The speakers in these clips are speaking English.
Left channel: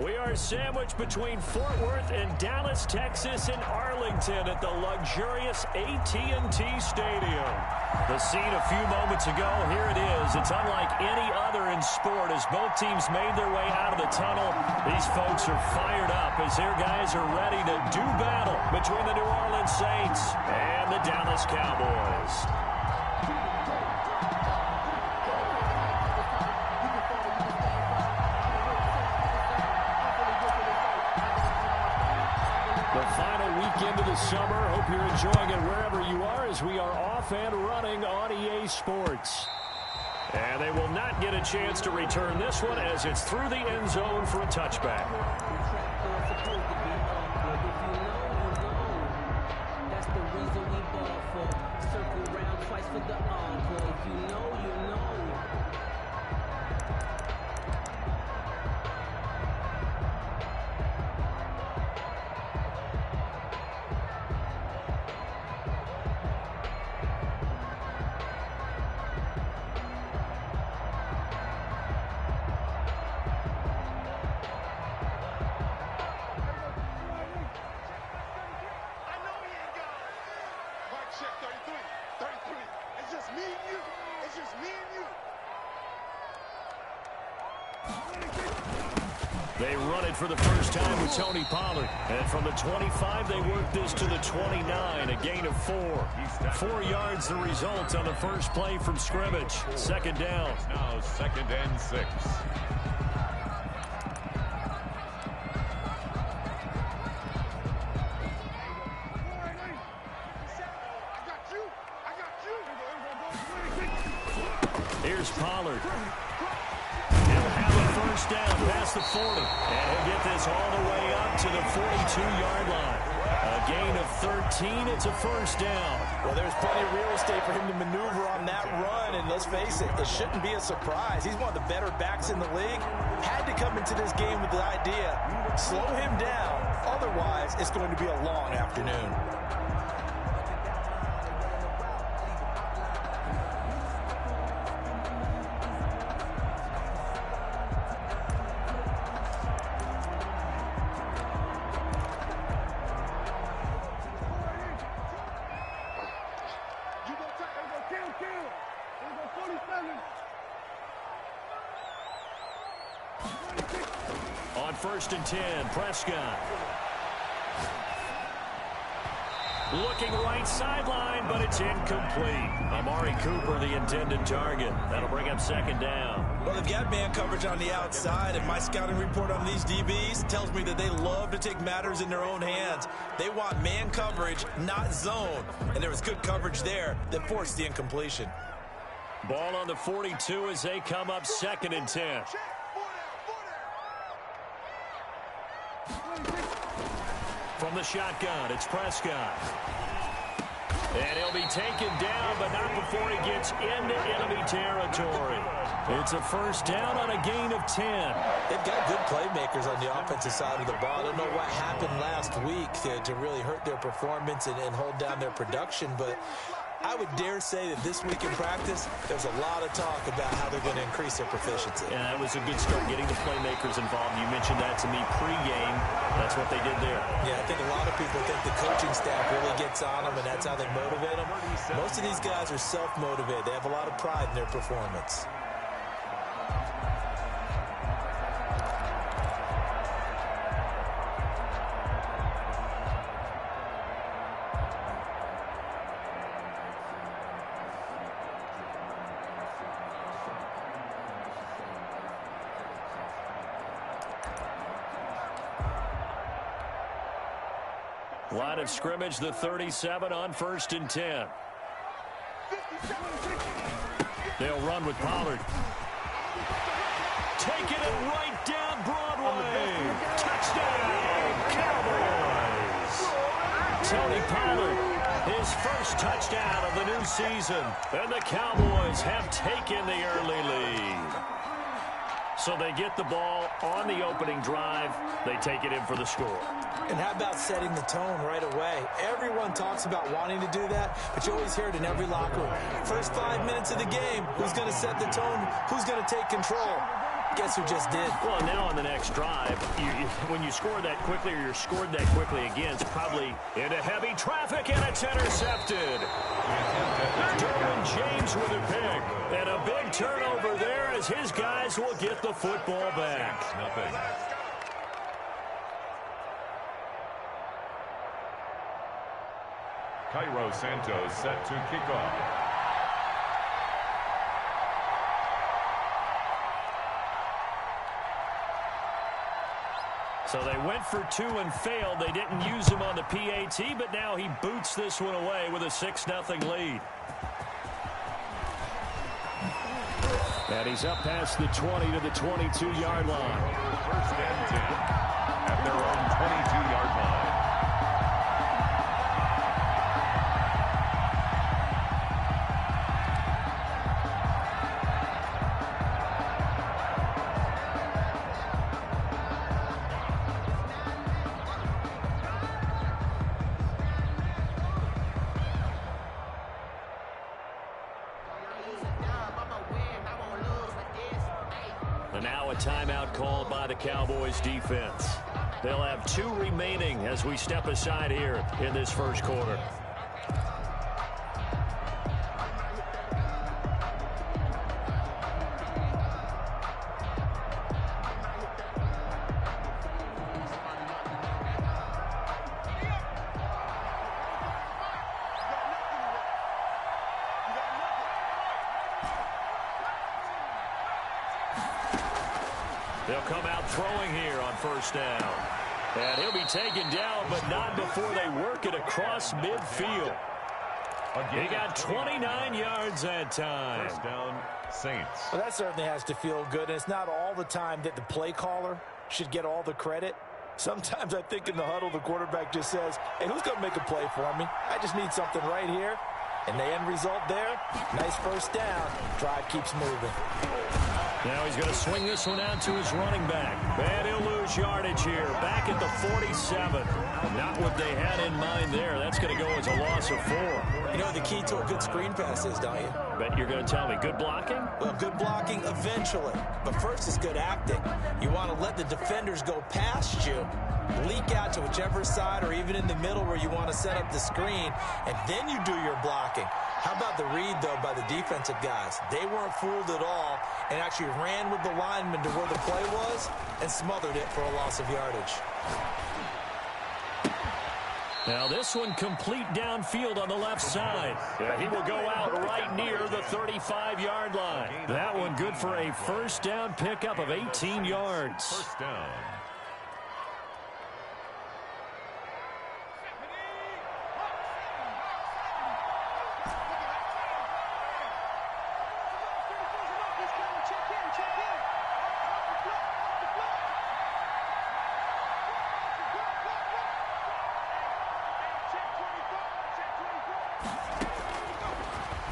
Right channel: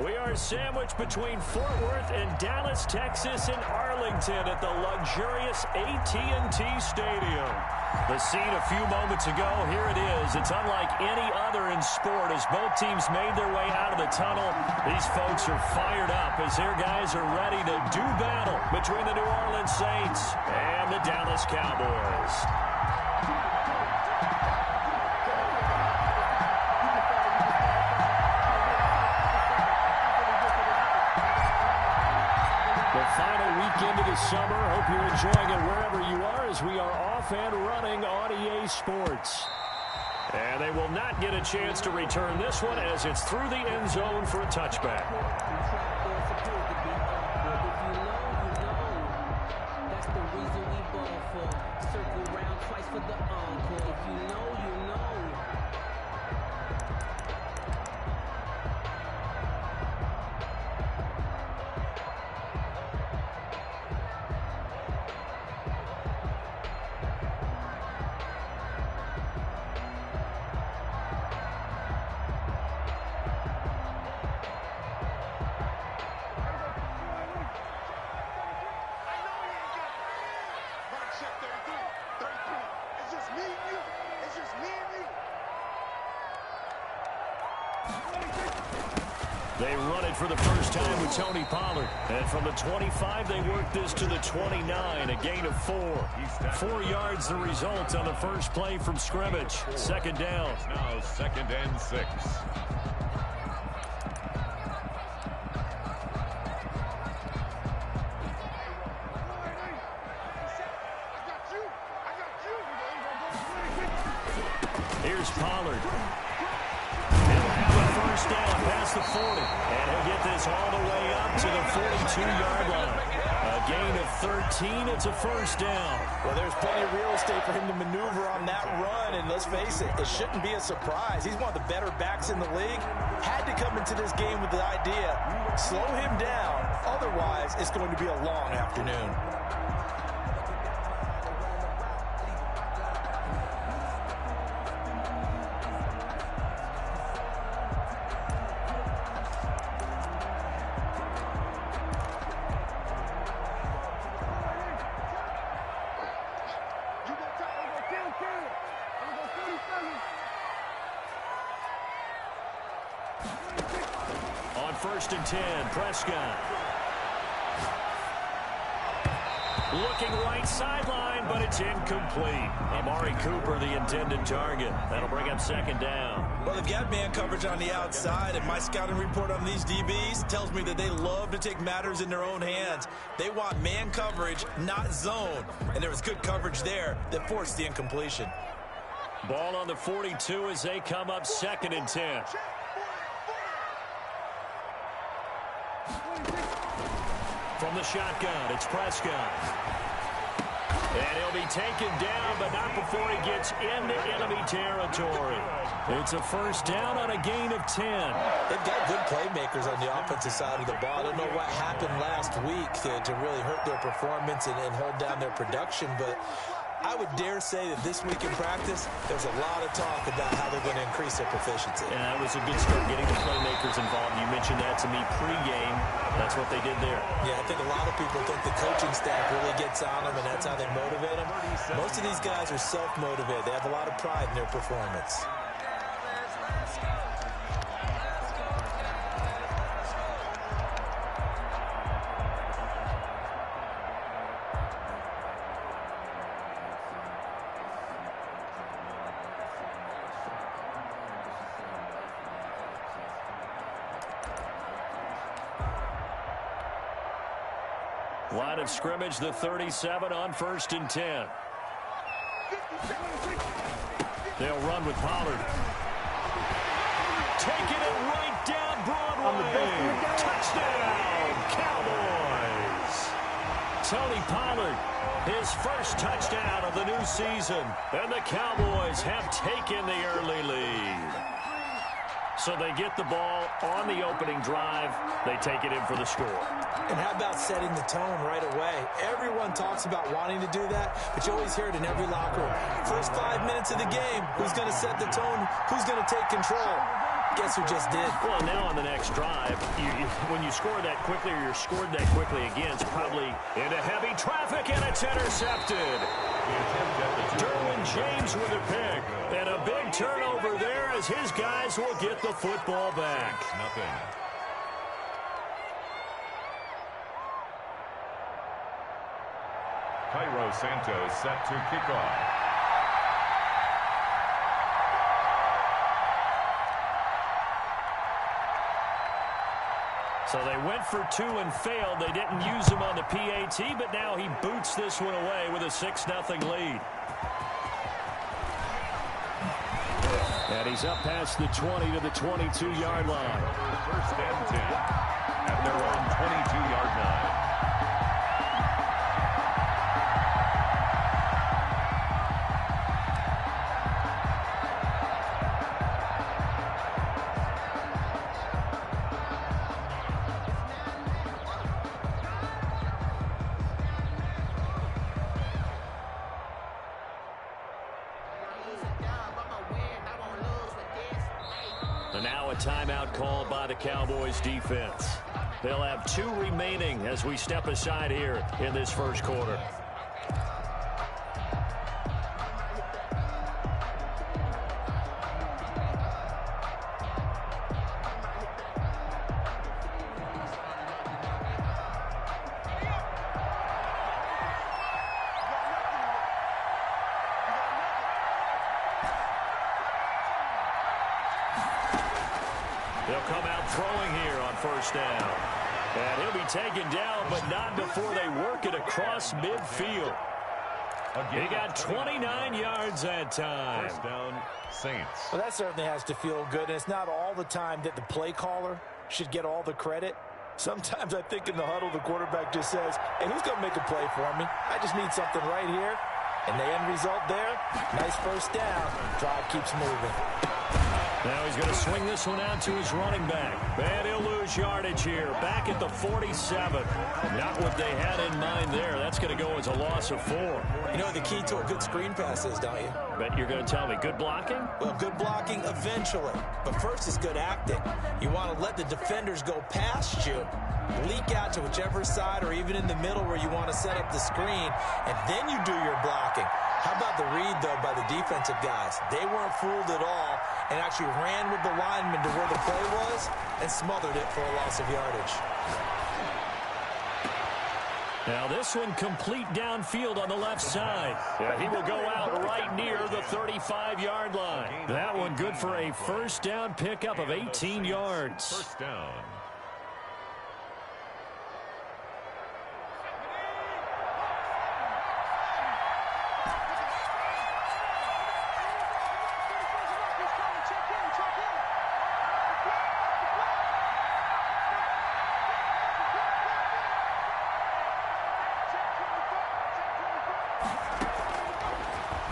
We are sandwiched between Fort Worth and Dallas, Texas, and Arlington at the luxurious AT&T Stadium. The scene a few moments ago, here it is. It's unlike any other in sport as both teams made their way out of the tunnel. These folks are fired up as their guys are ready to do battle between the New Orleans Saints and the Dallas Cowboys. The final weekend of the summer. Hope you're enjoying it wherever you are as we are off and running on EA Sports. And they will not get a chance to return this one as it's through the end zone for a touchback. That's the reason we ball for. Circle round twice for the encore. If you know, you know. Check 33. 33. It's just me and you. It's just me and you. They run it for the first time with Tony Pollard. And from the 25, they work this to the 29, a gain of 4. 4 yards the result on the first play from scrimmage. Second down. It's now 2nd and 6. Here's Pollard. He'll have a first down past the 40. And he'll get this all the way up to the 42-yard line. A gain of 13. It's a first down. Well, there's plenty of real estate for him to maneuver on that run. And let's face it, it shouldn't be a surprise. He's one of the better backs in the league. Had to come into this game with the idea, slow him down. Otherwise, it's going to be a long afternoon. On 1st and 10, Prescott. Looking right sideline, but it's incomplete. Amari Cooper, the intended target. That'll bring up 2nd down. Well, they've got man coverage on the outside, and my scouting report on these DBs tells me that they love to take matters in their own hands. They want man coverage, not zone. And there was good coverage there that forced the incompletion. Ball on the 42 as they come up 2nd and 10. From the shotgun, it's Prescott. And he'll be taken down, but not before he gets into enemy territory. It's a first down on a gain of 10. They've got good playmakers on the offensive side of the ball. I don't know what happened last week to really hurt their performance and hold down their production, but I would dare say that this week in practice, there's a lot of talk about how they're going to increase their proficiency. And that was a good start getting the playmakers involved. You mentioned that to me pregame. That's what they did there. Yeah, I think a lot of people think the coaching staff really gets on them, and that's how they motivate them. Most of these guys are self-motivated. They have a lot of pride in their performance. Line of scrimmage, the 37 on 1st and 10. They'll run with Pollard. Taking it right down Broadway. Touchdown, Cowboys. Tony Pollard, his first touchdown of the new season. And the Cowboys have taken the early lead. So they get the ball on the opening drive. They take it in for the score. And how about setting the tone right away? Everyone talks about wanting to do that, but you always hear it in every locker room. First 5 minutes of the game, who's going to set the tone? Who's going to take control? Guess who just did? Well, now on the next drive, when you score that quickly or you're scored that quickly again, it's probably into heavy traffic, and it's intercepted. Derwin James with a pick. And a big turnover there as his guys will get the football back. Nothing. Cairo Santos set to kick off. So they went for 2 and failed. They didn't use him on the PAT, but now he boots this one away with a 6-0 lead. And he's up past the 20 to the 22-yard line. First and 10 at their own 22-yard line. And now a timeout called by the Cowboys defense. They'll have 2 remaining as we step aside here in this first quarter. They'll come out throwing here on first down. And he'll be taken down, but not before they work it across midfield. He got 29 yards that time. First down, Saints. Well, that certainly has to feel good, and it's not all the time that the play caller should get all the credit. Sometimes I think in the huddle, the quarterback just says, hey, who's going to make a play for me? I just need something right here. And the end result there, nice first down. Drive keeps moving. Now he's going to swing this one out to his running back. And he'll lose yardage here. Back at the 47. Not what they had in mind there. That's going to go as a loss of 4. You know what the key to a good screen pass is, don't you? Bet you're going to tell me. Good blocking? Well, good blocking eventually. But first is good acting. You want to let the defenders go past you, leak out to whichever side or even in the middle where you want to set up the screen, and then you do your blocking. How about the read, though, by the defensive guys? They weren't fooled at all and actually ran with the lineman to where the play was and smothered it for a loss of yardage. Now this one complete downfield on the left side. Yeah, he will go out right near the 35-yard line. That one good for a first down pickup of 18 yards. First down.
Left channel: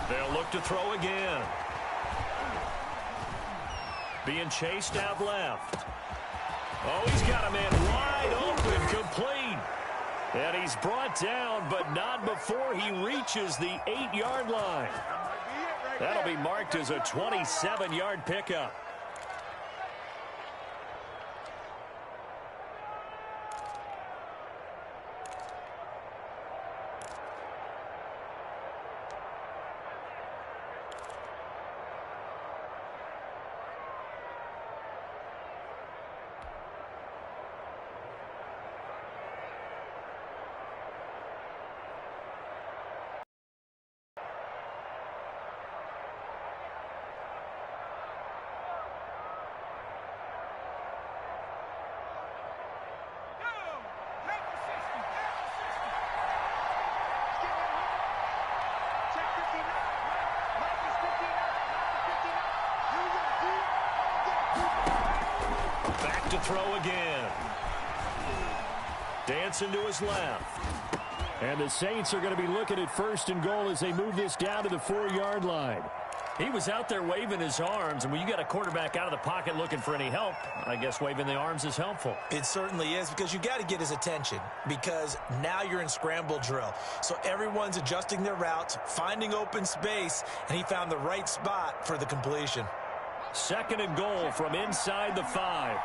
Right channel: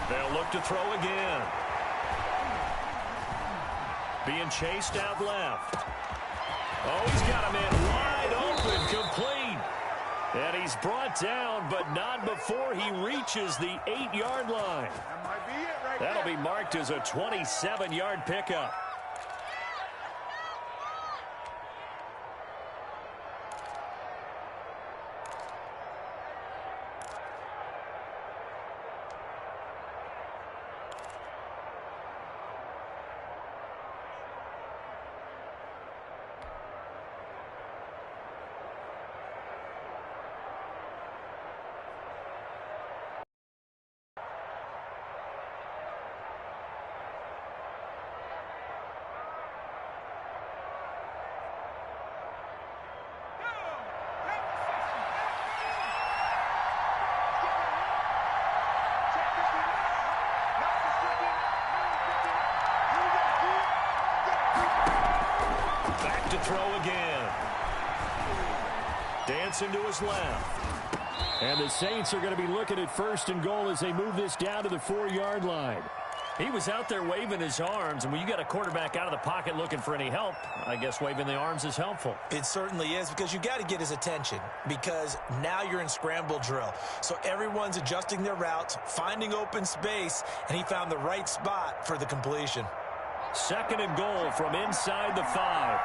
They'll look to throw again. Being chased out left. Oh, he's got a man wide open, complete. And he's brought down, but not before he reaches the 8-yard line. That'll be marked as a 27-yard pickup. Back to throw again. Dancing to his left. And the Saints are going to be looking at first and goal as they move this down to the 4-yard line. He was out there waving his arms, and when you got a quarterback out of the pocket looking for any help, I guess waving the arms is helpful. It certainly is, because you got to get his attention, because now you're in scramble drill. So everyone's adjusting their routes, finding open space, and he found the right spot for the completion. Second and goal from inside the 5.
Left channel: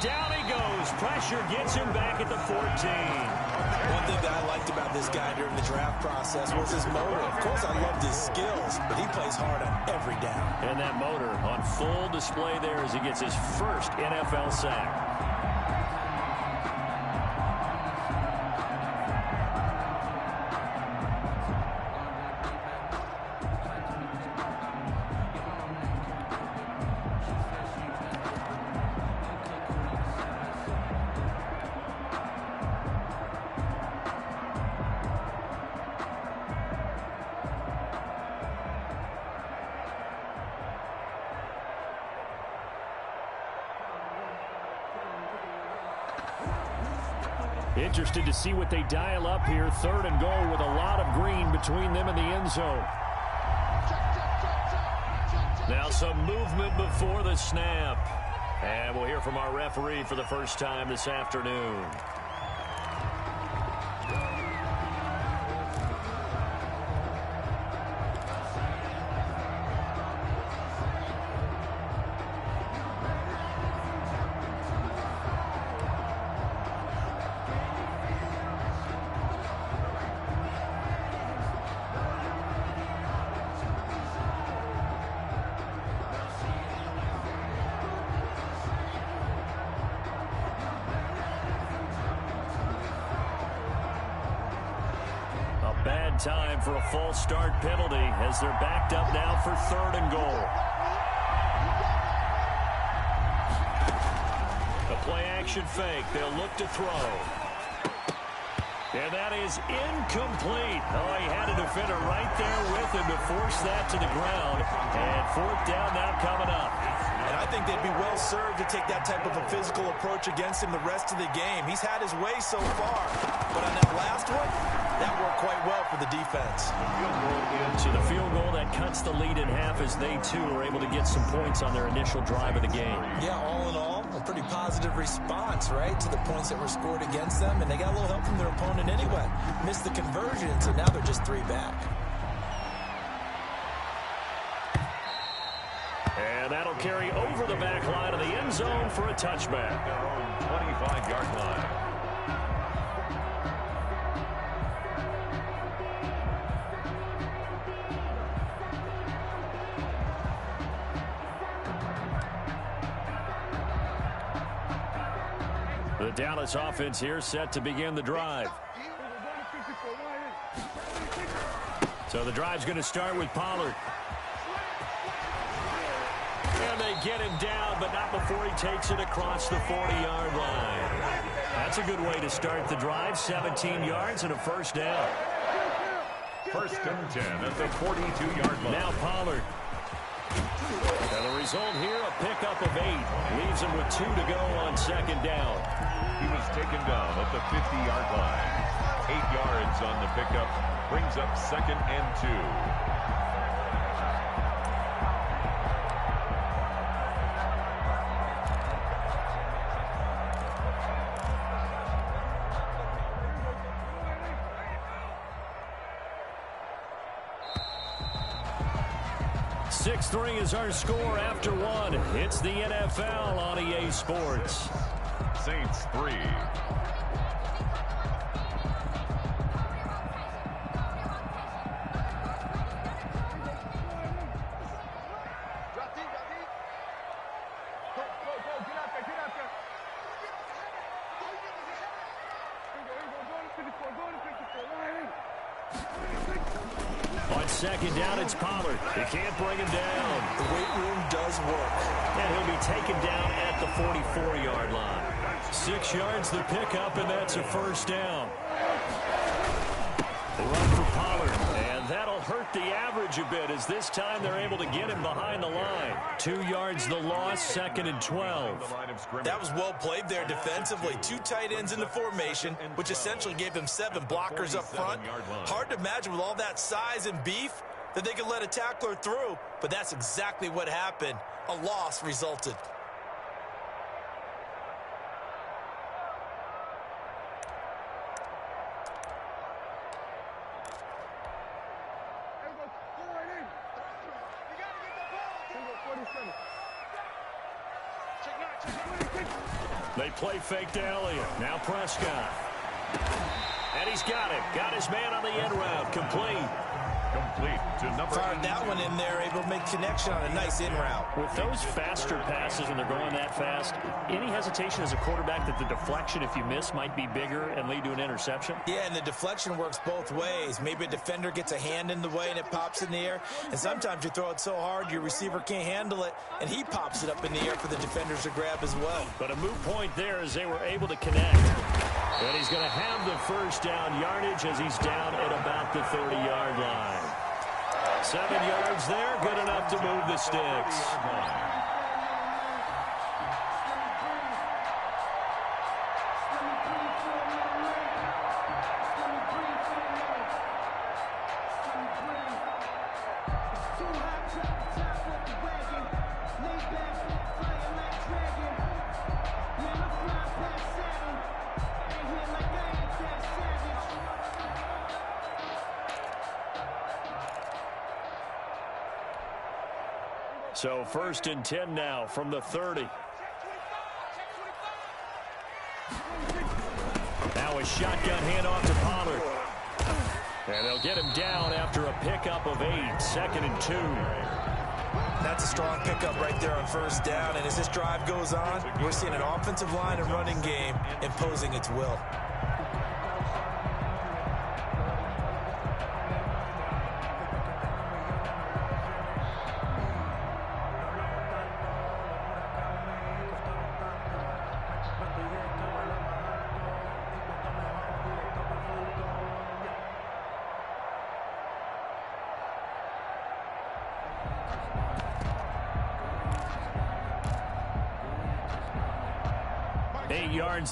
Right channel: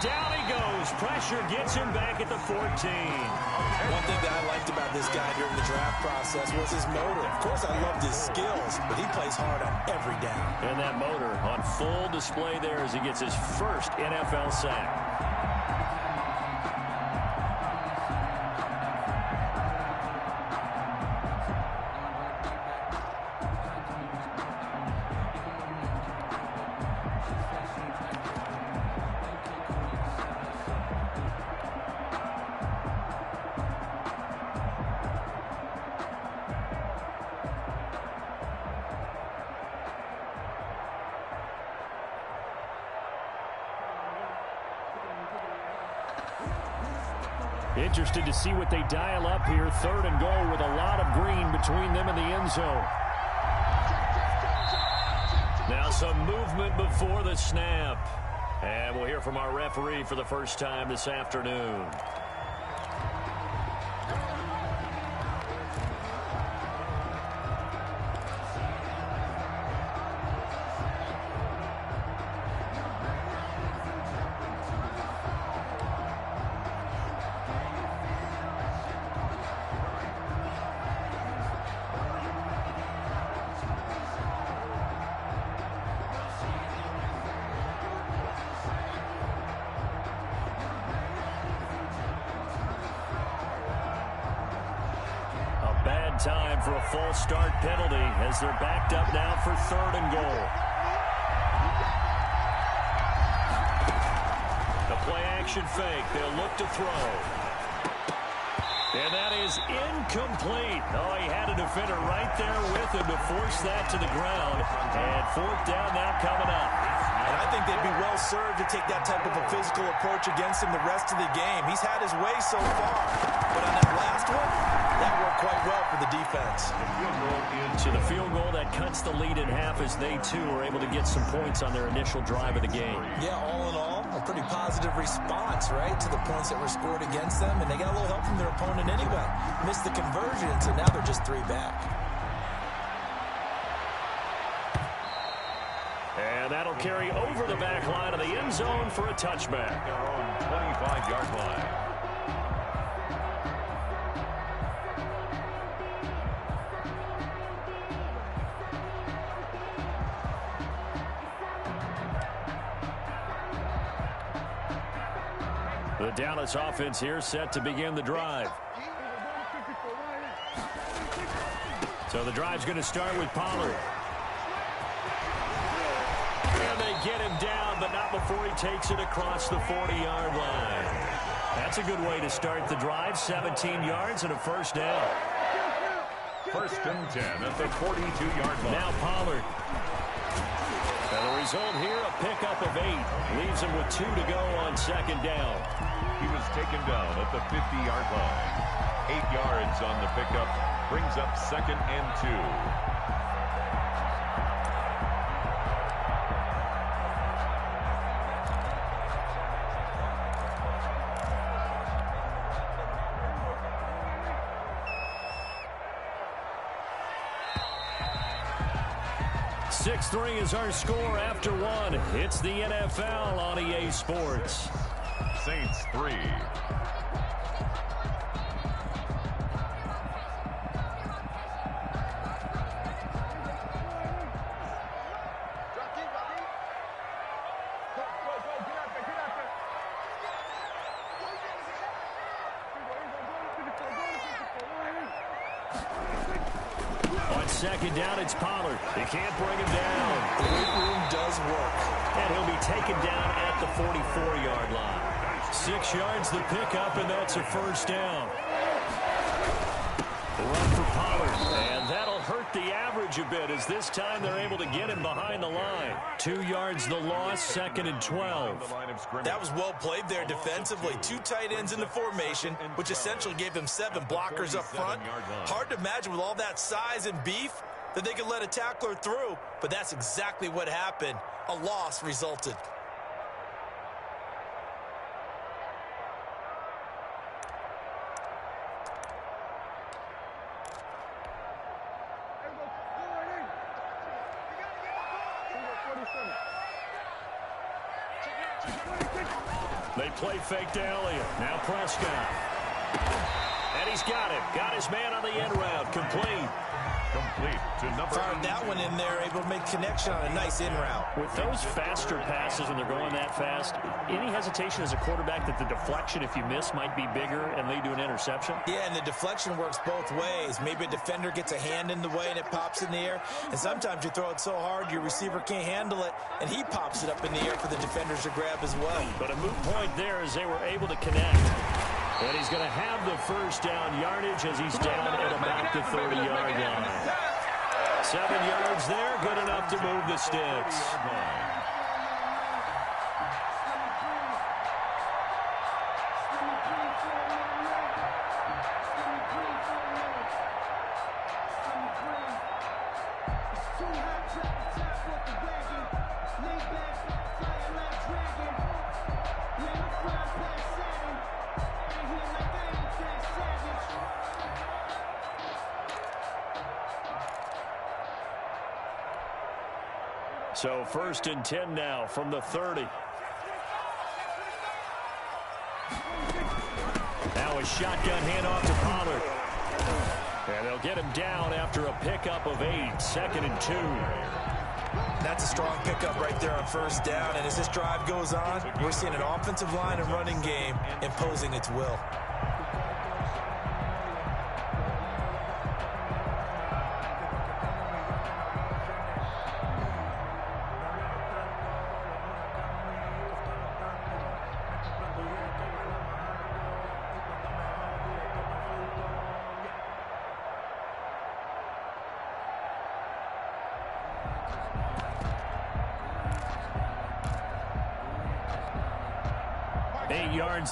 Down he goes. Pressure gets him back at the 14. One thing that I liked about this guy during the draft process was his motor. Of course, I loved his skills, but he plays hard on every down. And that motor on full display there as he gets his first NFL sack. Interested to see what they dial up here. Third and goal with a lot of green between them and the end zone. Now some movement before the snap. And we'll hear from our referee for the first time this afternoon. Bad time for a false start penalty as they're backed up now for third and goal. The play action fake. They'll look to throw. And that is incomplete. Oh, he had a defender right there with him to force that to the ground. And fourth down now coming up. And I think they'd be well served to take that type of a physical approach against him the rest of the game. He's had his way so far. But on that last one, that worked quite well for the defense. So the field goal that cuts the lead in half as they, too, were able to get some points on their initial drive of the game. Yeah, all in all, a pretty positive response, right, to the points that were scored against them. And they got a little help from their opponent anyway. Missed the conversion, so now they're just 3 back. And that'll carry over the back line of the end zone for a touchback. Their own 25-yard line. The Dallas offense here set to begin the drive. So the drive's going to start with Pollard. And they get him down, but not before he takes it across the 40-yard line. That's a good way to start the drive. 17 yards and a first down. First and 10 at the 42-yard line. Now Pollard. And the result here, a pickup of 8. Leaves him with 2 to go on second down. He was taken down at the 50-yard line. 8 yards on the pickup. Brings up second and 2. Three is our score after 1. It's the NFL on EA Sports. Saints 3. On second down, it's Pollard. He can't bring him down. The weight room does work. And he'll be taken down at the 44-yard line. 6 yards the pickup, and that's a first down. The run for Pollard, and that'll hurt the average a bit as this time they're able to get him behind the line. 2 yards the loss, 2nd and 12. That was well played there defensively. 2 tight ends in the formation, which essentially gave them 7 blockers up front. Hard to imagine with all that size and beef that they could let a tackler through, but that's exactly what happened. A loss resulted. They play fake to Elliott. Now Prescott. And he's got him. Got his man on the end route. Complete. Complete to number 8. Fired that one in there, able to make connection on a nice in route. With those faster passes and they're going that fast, any hesitation as a quarterback that the deflection, if you miss, might be bigger and lead to an interception? Yeah, and the deflection works both ways. Maybe a defender gets a hand in the way and it pops in the air. And sometimes you throw it so hard your receiver can't handle it, and he pops it up in the air for the defenders to grab as well. But a moot point there as they were able to connect. And he's going to have the first down yardage as he's down at about the 30-yard line. 7 yards there, good enough to move the sticks. So 1st and 10 now from the 30. Now a shotgun handoff to Pollard. And they'll get him down after a pickup of 8. 2nd and 2. That's a strong pickup right there on 1st down. And as this drive goes on, we're seeing an offensive line and running game imposing its will.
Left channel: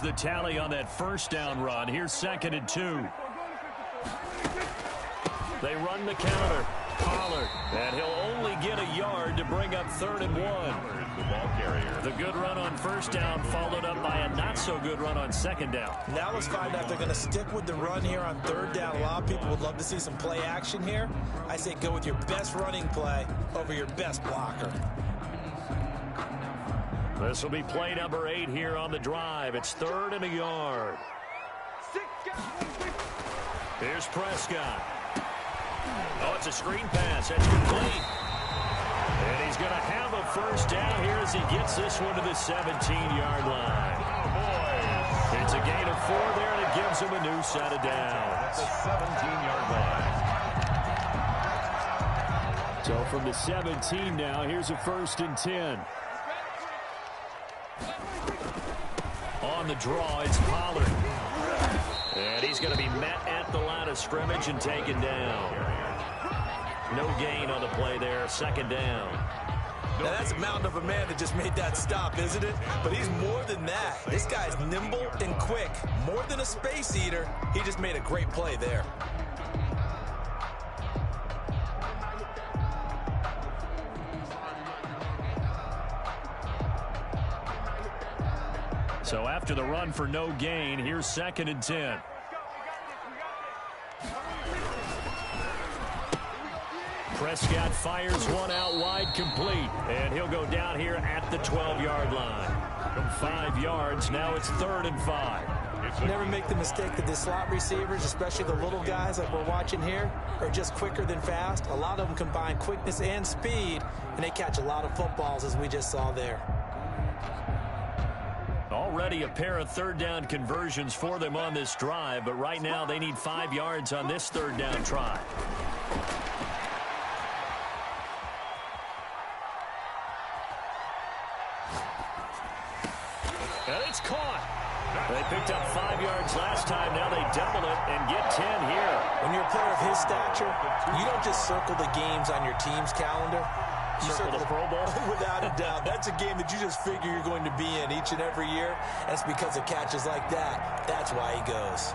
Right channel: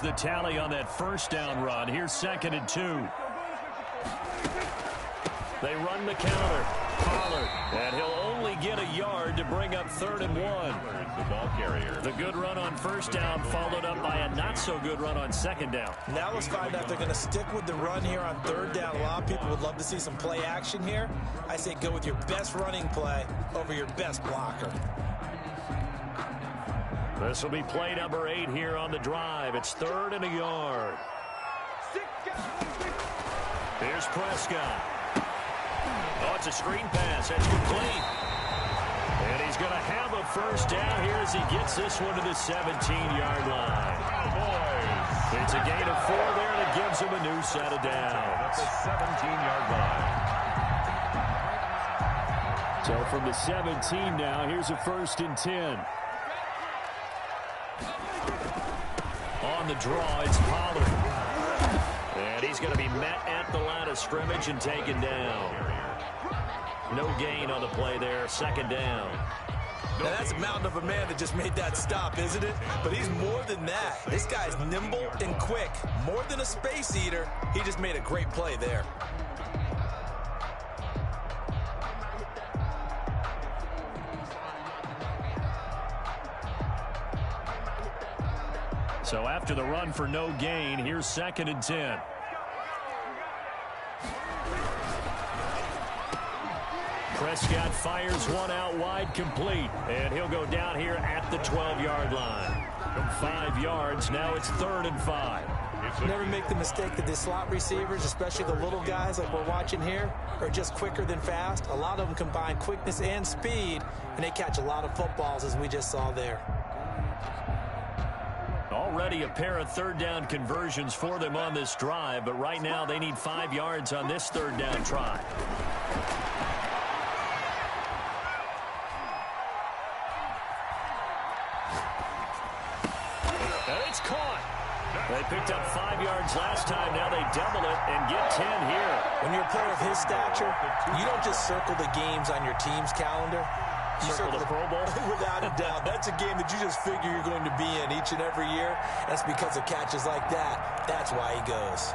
The tally on that 1st down run. Here's 2nd and 2. They run the counter. Pollard. And he'll only get a yard to bring up 3rd and 1. The ball carrier. The good run on 1st down followed up by a not-so-good run on 2nd down. Now let's find out if they're going to stick with the run here on 3rd down. A lot of people would love to see some play action here. I say go with your best running play over your best blocker. This will be play number 8 here on the drive. It's 3rd and a yard. Here's Prescott. Oh, it's a screen pass. That's complete. And he's going to have a 1st down here as he gets this one to the 17-yard line. Cowboys. It's a gain of 4 there, and it gives him a new set of downs. At the 17-yard line. So from the 17 now, here's a 1st and 10. On the draw, it's Pollard. And he's going to be met at the line of scrimmage and taken down. No gain on the play there. 2nd down. Now that's a mountain of a man that just made that stop, isn't it? But he's more than that. This guy's nimble and quick. More than a space eater. He just made a great play there. So after the run for no gain, here's 2nd and 10. Prescott fires one out wide, complete. And he'll go down here at the 12-yard line. From 5 yards, now it's 3rd and 5. Never make the mistake that the slot receivers, especially the little guys like we're watching here, are just quicker than fast. A lot of them combine quickness and speed, and they catch a lot of footballs, as we just saw there. Already a pair of 3rd down conversions for them on this drive, but right now they need 5 yards on this 3rd down try. And it's caught. They picked up 5 yards last time. Now they double it and get 10 here. When you're a player of his stature, you don't just circle the games on your team's calendar. You circle the Pro Bowl? Without a doubt. That's a game that you just figure you're going to be in each and every year. And it's because of catches like that. That's why he goes.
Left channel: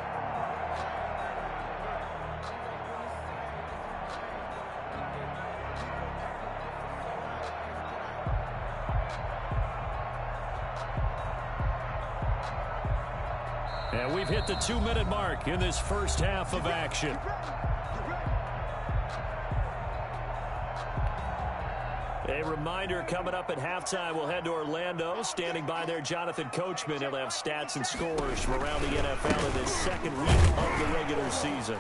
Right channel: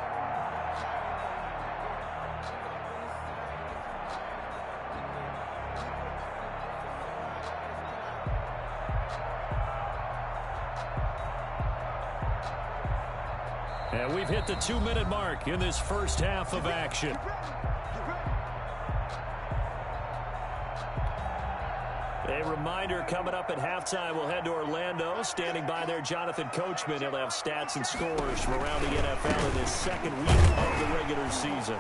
And we've hit the 2-minute mark in this first half of action. A reminder, coming up at halftime, we'll head to Orlando. Standing by there, Jonathan Coachman. He'll have stats and scores from around the NFL in his second week of the regular season.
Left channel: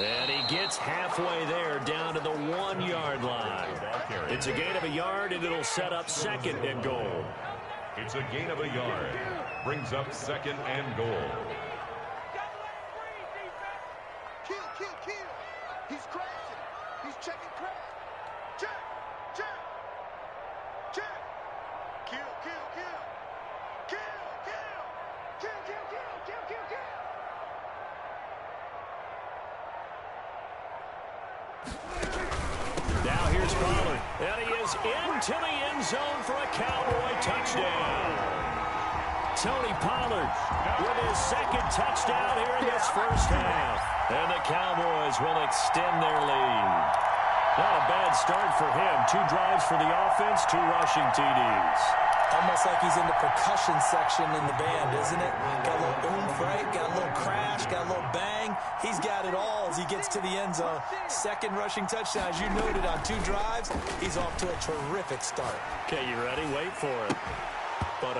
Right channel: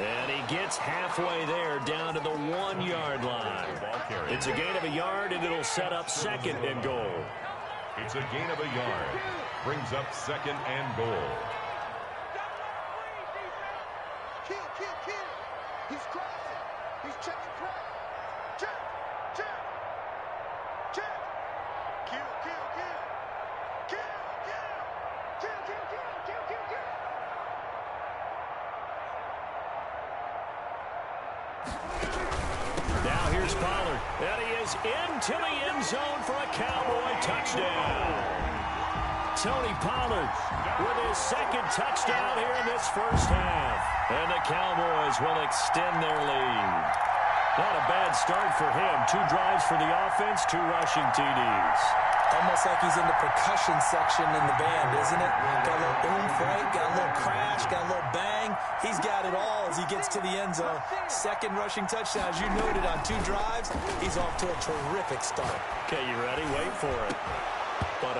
And he gets halfway there, down to the 1-yard line. It's a gain of a yard, and it'll set up second and goal. It's a gain of a yard. Brings up second and goal. Kill, kill, kill. He's crashing. He's checking crash. Check, check, check. Kill, kill, kill. Kill, kill. Kill, kill, kill, kill, kill, kill. Now here's Pollard. And he is into the end zone for a Cowboy touchdown. Tony Pollard with his second touchdown here in this first half. And the Cowboys will extend their lead. Not a bad start for him. 2 drives for the offense, 2 rushing TDs. Almost like he's in the percussion section in the band, isn't it? Got a little oomph, right? Got a little crash, got a little bang. He's got it all as he gets to the end zone. Second rushing touchdown, as you noted, on 2 drives. He's off to a terrific start. Okay, you ready? Wait for it. But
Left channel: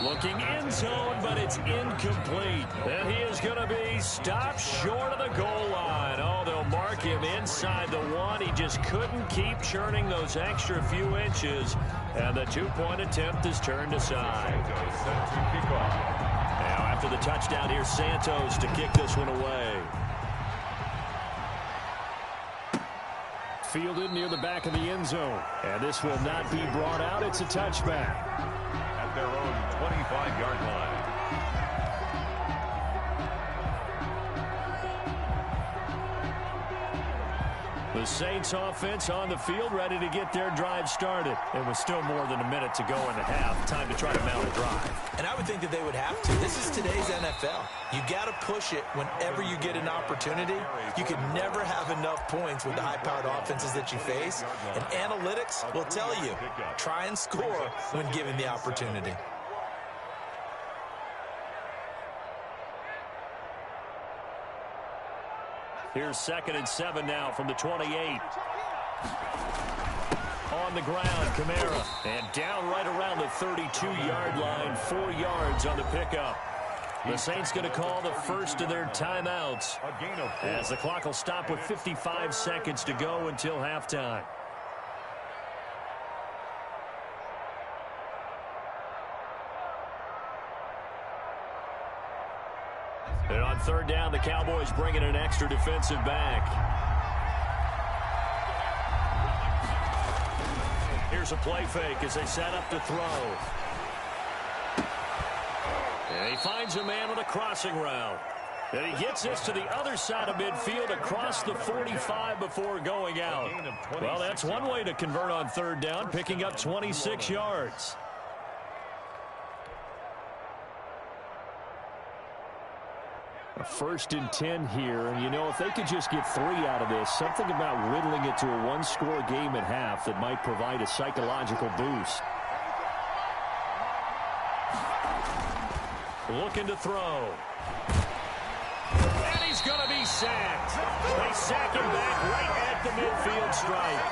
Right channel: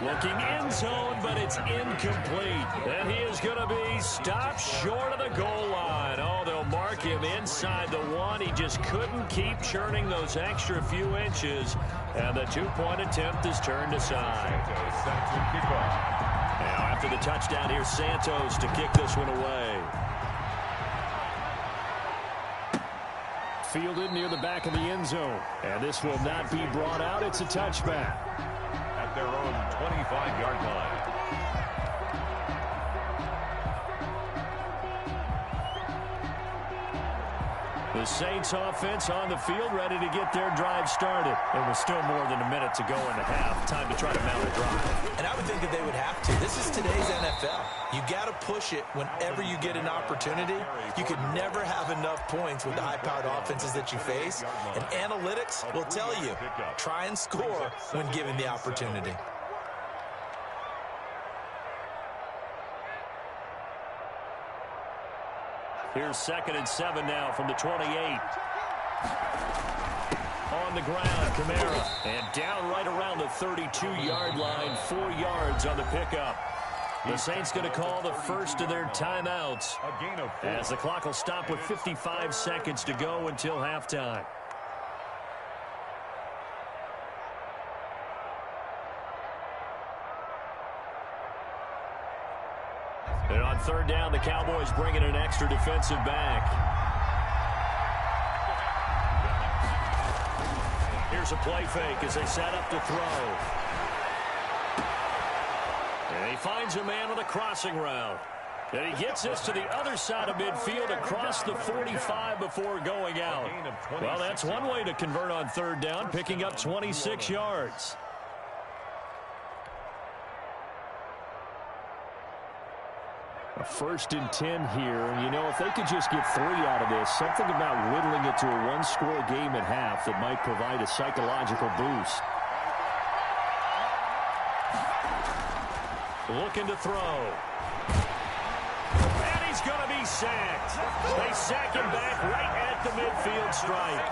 looking end zone, but it's incomplete. And he is going to be stopped short of the goal line. Oh, they'll mark him inside the 1. He just couldn't keep churning those extra few inches. And the 2-point attempt is turned aside. Set to kick off. Now after the touchdown, here's Santos to kick this one away. Fielded near the back of the end zone. And this will not be brought out. It's a touchback. At their own 25-yard line. The Saints offense on the field, ready to get their drive started. It was still more than a minute to go in the half. Time to try to mount a drive. And I would think that they would have to. This is today's NFL. You got to push it whenever you get an opportunity. You could never have enough points with the high-powered offenses that you face. And analytics will tell you, try and score when given the opportunity. Here's 2nd and 7 now from the 28. On the ground, Kamara. And down right around the 32-yard line, 4 yards on the pickup. The Saints going to call the first of their timeouts as the clock will stop with 55 seconds to go until halftime. And on 3rd down, the Cowboys bring in an extra defensive back. Here's a play fake as they set up to throw. And he finds a man on the crossing route. And he gets this to the other side of midfield across the 45 before going out. Well, that's one way to convert on 3rd down, picking up 26 yards. A 1st and 10 here, and you know, if they could just get 3 out of this, something about whittling it to a 1-score game at half that might provide a psychological boost. Looking to throw. And he's going to be sacked. They sack him back right at the midfield stripe.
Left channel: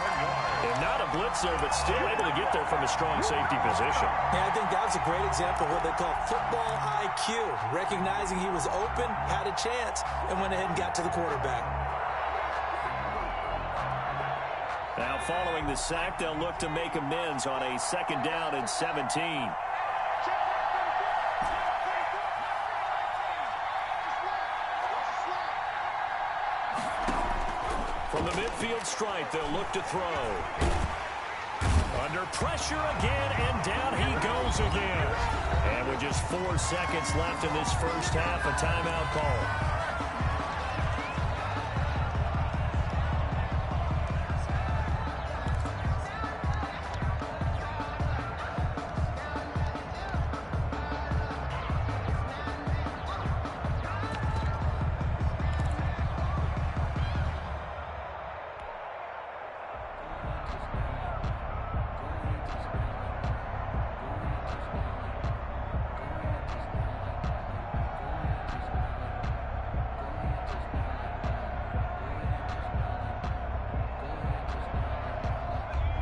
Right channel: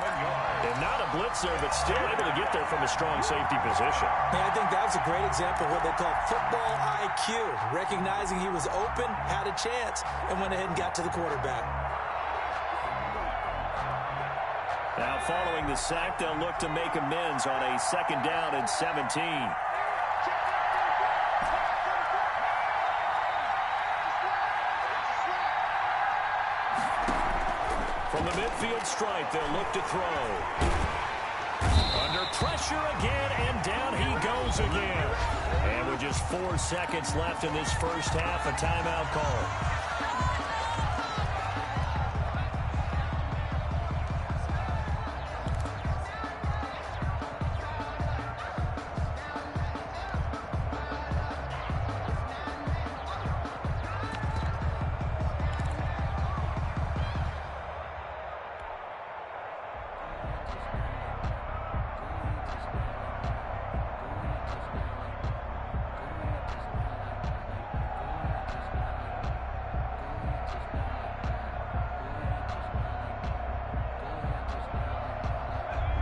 And not a blitzer, but still able to get there from a strong safety position. Yeah, I think that was a great example of what they call football IQ. Recognizing he was open, had a chance, and went ahead and got to the quarterback. Now following the sack, they'll look to make amends on a 2nd down and 17. From the midfield stripe, they'll look to throw. Under pressure again, and down he goes again. And with just 4 seconds left in this first half, a timeout call.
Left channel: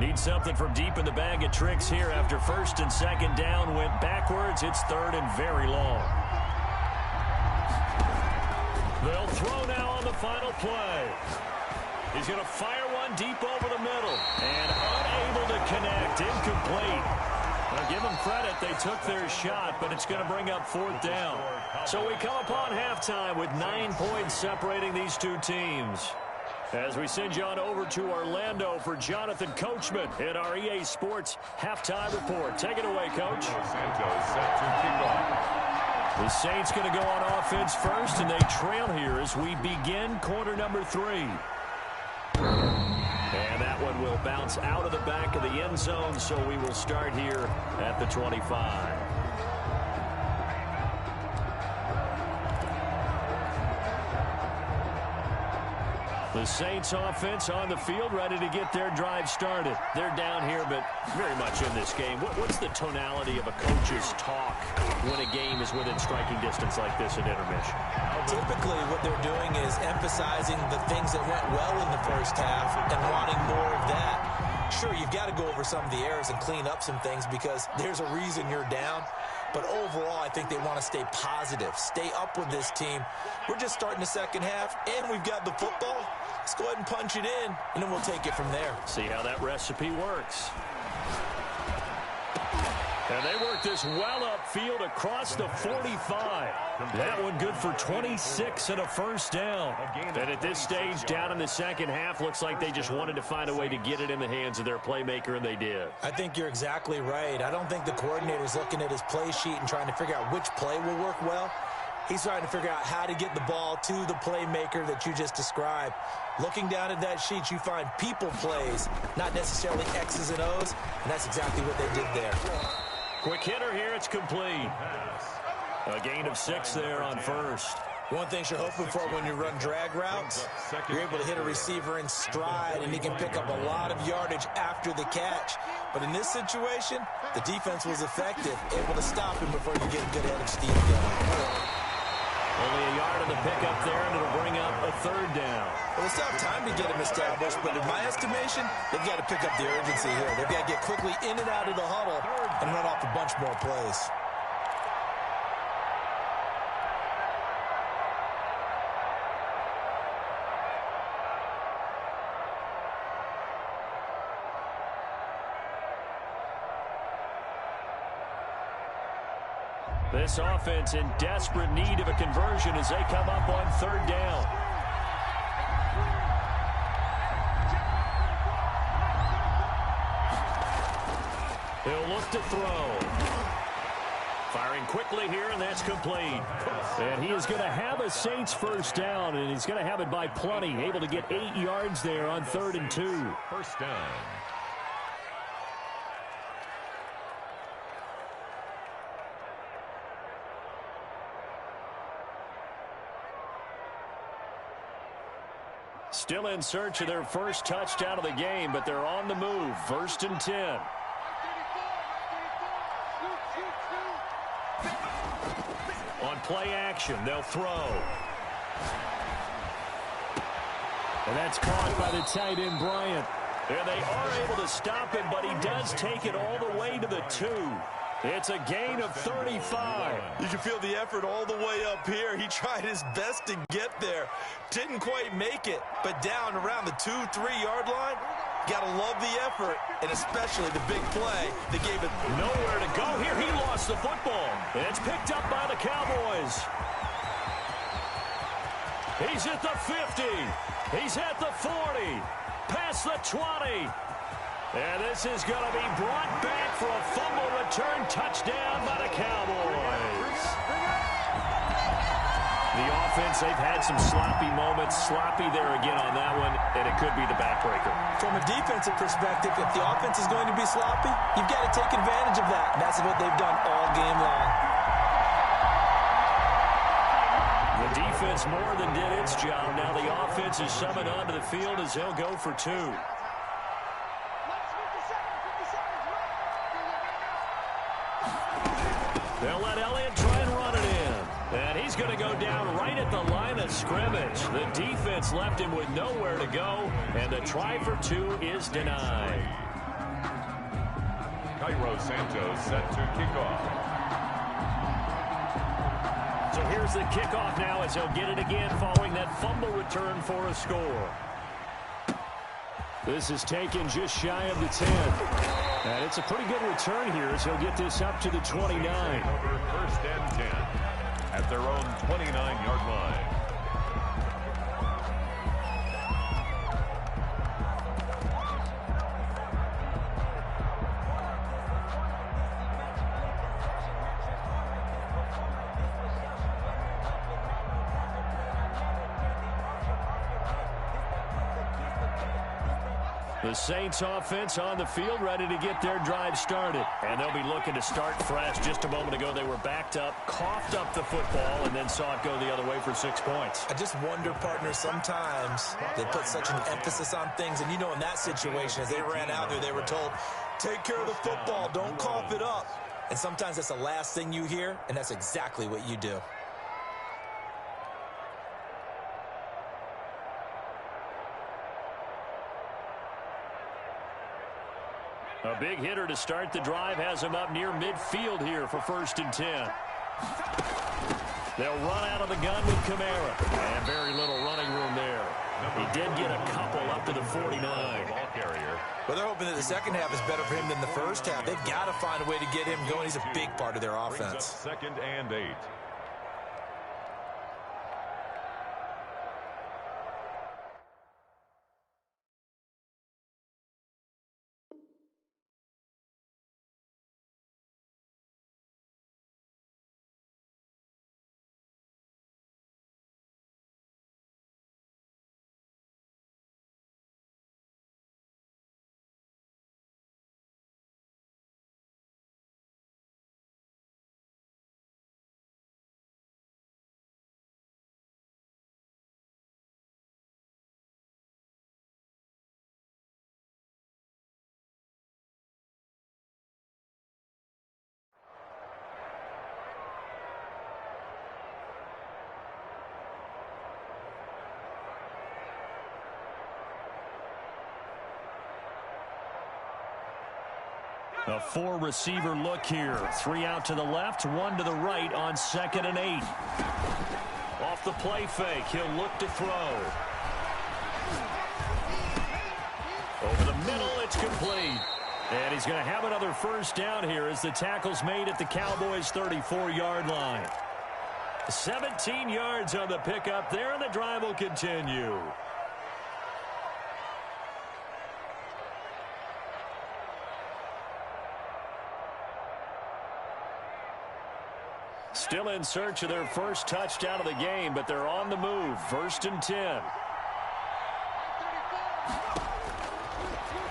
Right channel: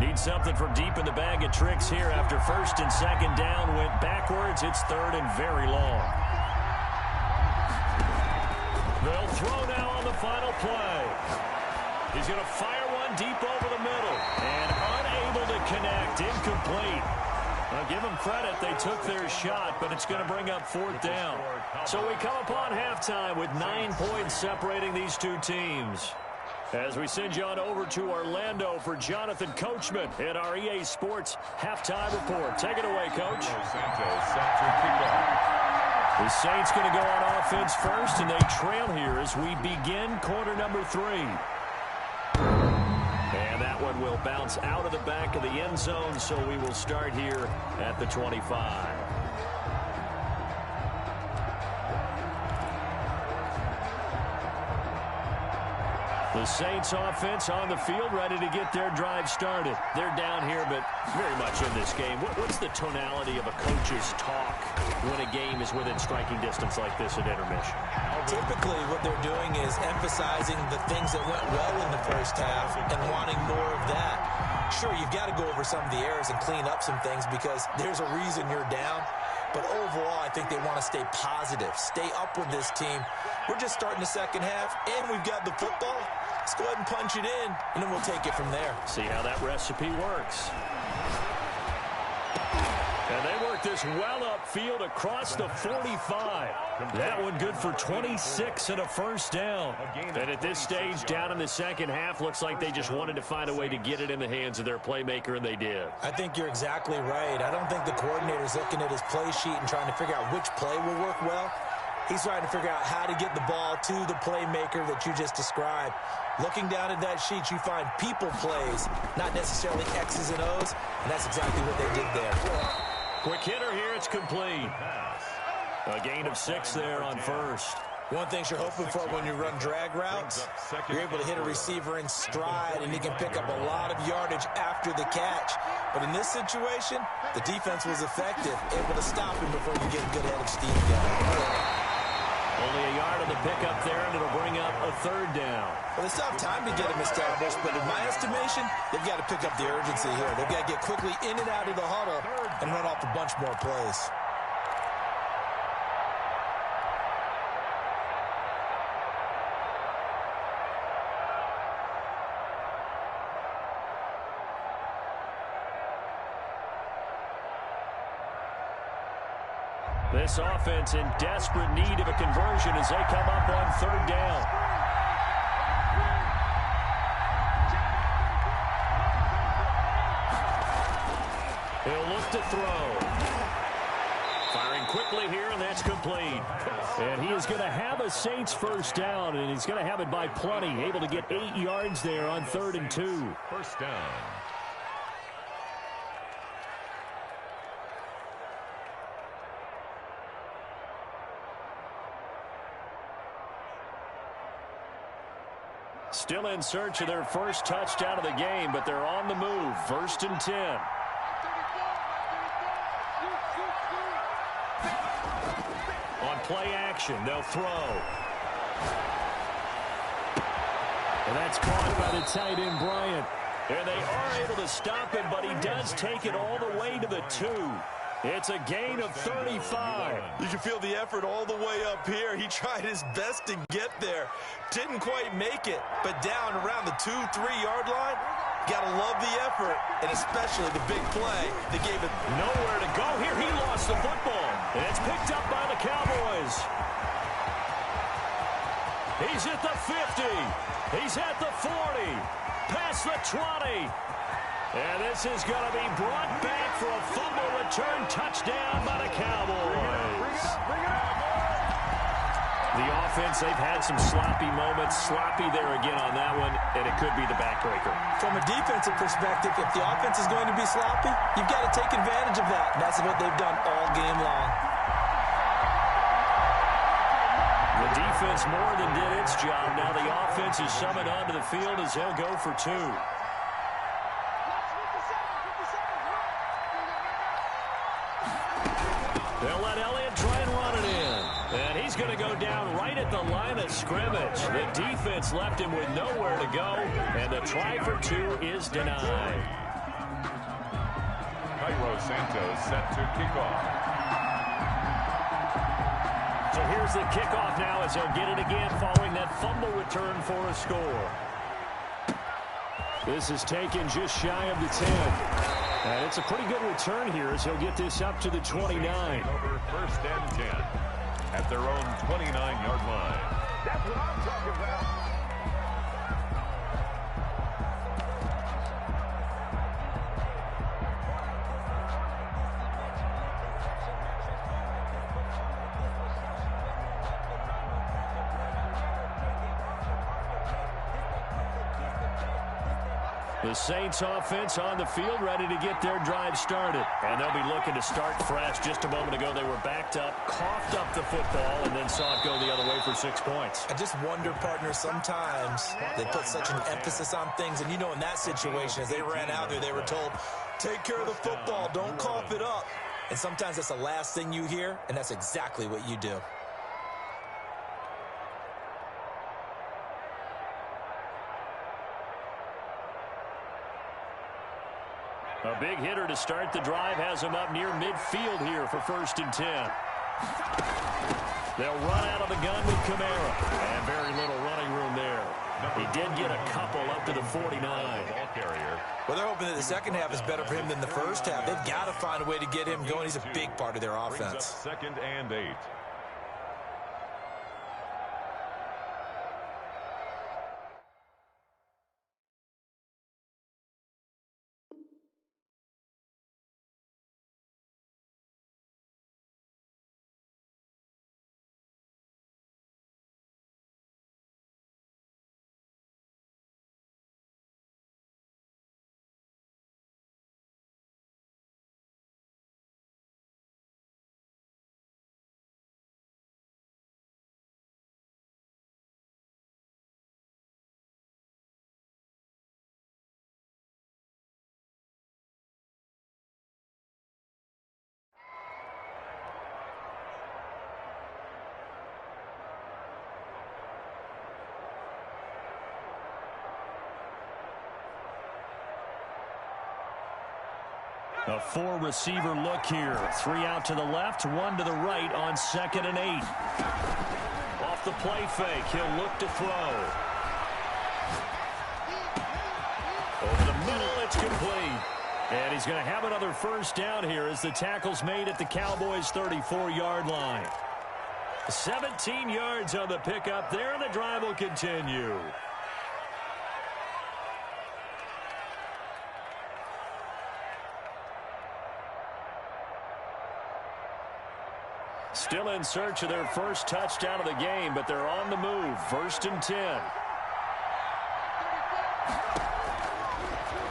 Need something from deep in the bag of tricks here after 1st and 2nd down went backwards. It's 3rd and very long. They'll throw now on the final play. He's going to fire one deep over the middle and unable to connect. Incomplete. I'll give them credit. They took their shot, but it's going to bring up 4th down. So we come upon halftime with 9 points separating these two teams. As we send you on over to Orlando for Jonathan Coachman in our EA Sports Halftime Report. Take it away, Coach. Santos set to kick off. The Saints going to go on offense first, and they trail here as we begin quarter number 3. And that one will bounce out of the back of the end zone, so we will start here at the 25. The Saints offense on the field, ready to get their drive started. They're down here, but very much in this game. What's the tonality of a coach's talk when a game is within striking distance like this at intermission? Typically, what they're doing is emphasizing the things that went well in the first half and wanting more of that. Sure, you've got to go over some of the errors and clean up some things because there's a reason you're down. But overall, I think they want to stay positive, stay up with this team. We're just starting the second half, and we've got the football. Let's go ahead and punch it in, and then we'll take it from there. See how that recipe works. And they work this well upfield across the 45. That one good for 26 and a first down. And at this stage, down in the second half, looks like they just wanted to find a way to get it in the hands of their playmaker, and they did. I think you're exactly right. I don't think the coordinator's looking at his play sheet and trying to figure out which play will work well. He's trying to figure out how to get the ball to the playmaker that you just described. Looking down at that sheet, you find people plays, not necessarily X's and O's, and that's exactly what they did there. Quick hitter here, it's complete. A gain of 6 there on first. One thing you're hoping for when you run drag routes, you're able to hit a receiver in stride, and he can pick up a lot of yardage after the catch. But in this situation, the defense was effective, able to stop him before you get a good head of steam going. Only a yard on the pickup there, and it'll bring up a 3rd down. Well, they still have time to get him established, but in my estimation, they've got to pick up the urgency here. They've got to get quickly in and out of the huddle and run off a bunch more plays. This offense in desperate need of a conversion as they come up on 3rd down. He'll look to throw. Firing quickly here, and that's complete. And he is going to have a Saints first down, and he's going to have it by plenty. Able to get 8 yards there on 3rd and 2. First down. Still in search of their first touchdown of the game, but they're on the move. 1st and 10. On play action, they'll throw. And that's caught by the tight end, Bryant. And they are able to stop him, but he does take it all the way to the 2. It's a gain of 35. You can feel the effort all the way up here. He tried his best to get there. Didn't quite make it, but down around the 2-3 yard line, got to love the effort, and especially the big play that gave it nowhere to go. Here he lost the football, and it's picked up by the Cowboys. He's at the 50. He's at the 40. Past the 20. And this is going to be brought back for a fumble return touchdown by the Cowboys. The offense, they've had some sloppy moments. Sloppy there again on that one, and it could be the backbreaker. From a defensive perspective, if the offense is going to be sloppy, you've got to take advantage of that. And that's what they've done all game long. The defense more than did its job. Now the offense is summoned onto the field as they'll go for two. They'll let Elliott try and run it in. And he's going to go down right at the line of scrimmage. The defense left him with nowhere to go, and the try for two is denied. Cairo Santos set to kick off. So here's the kickoff now as they'll get it again following that fumble return for a score. This is taken just shy of the 10. And it's a pretty good return here as he'll get this up to the 29. Over 1st and 10 at their own 29-yard line. The Saints offense on the field ready to get their drive started. And they'll be looking to start fresh. Just a moment ago, they were backed up, coughed up the football, and then saw it go the other way for 6 points. I just wonder, partner, sometimes they put such an emphasis on things. And, you know, in that situation, as they ran out there, they were told, take care of the football, don't cough it up. And sometimes that's the last thing you hear, and that's exactly what you do. A big hitter to start the drive has him up near midfield here for 1st and 10. They'll run out of the gun with Kamara. And very little running room there. He did get a couple up to the 49. Ball carrier. Well, they're hoping that the second half is better for him than the first half. They've got to find a way to get him going. He's a big part of their offense. 2nd and 8. A 4-receiver look here. 3 out to the left, 1 to the right on 2nd and 8. Off the play fake, he'll look to throw. Over the middle, it's complete. And he's going to have another first down here as the tackle's made at the Cowboys' 34-yard line. 17 yards on the pickup there, and the drive will continue. Still in search of their first touchdown of the game, but they're on the move. 1st and 10.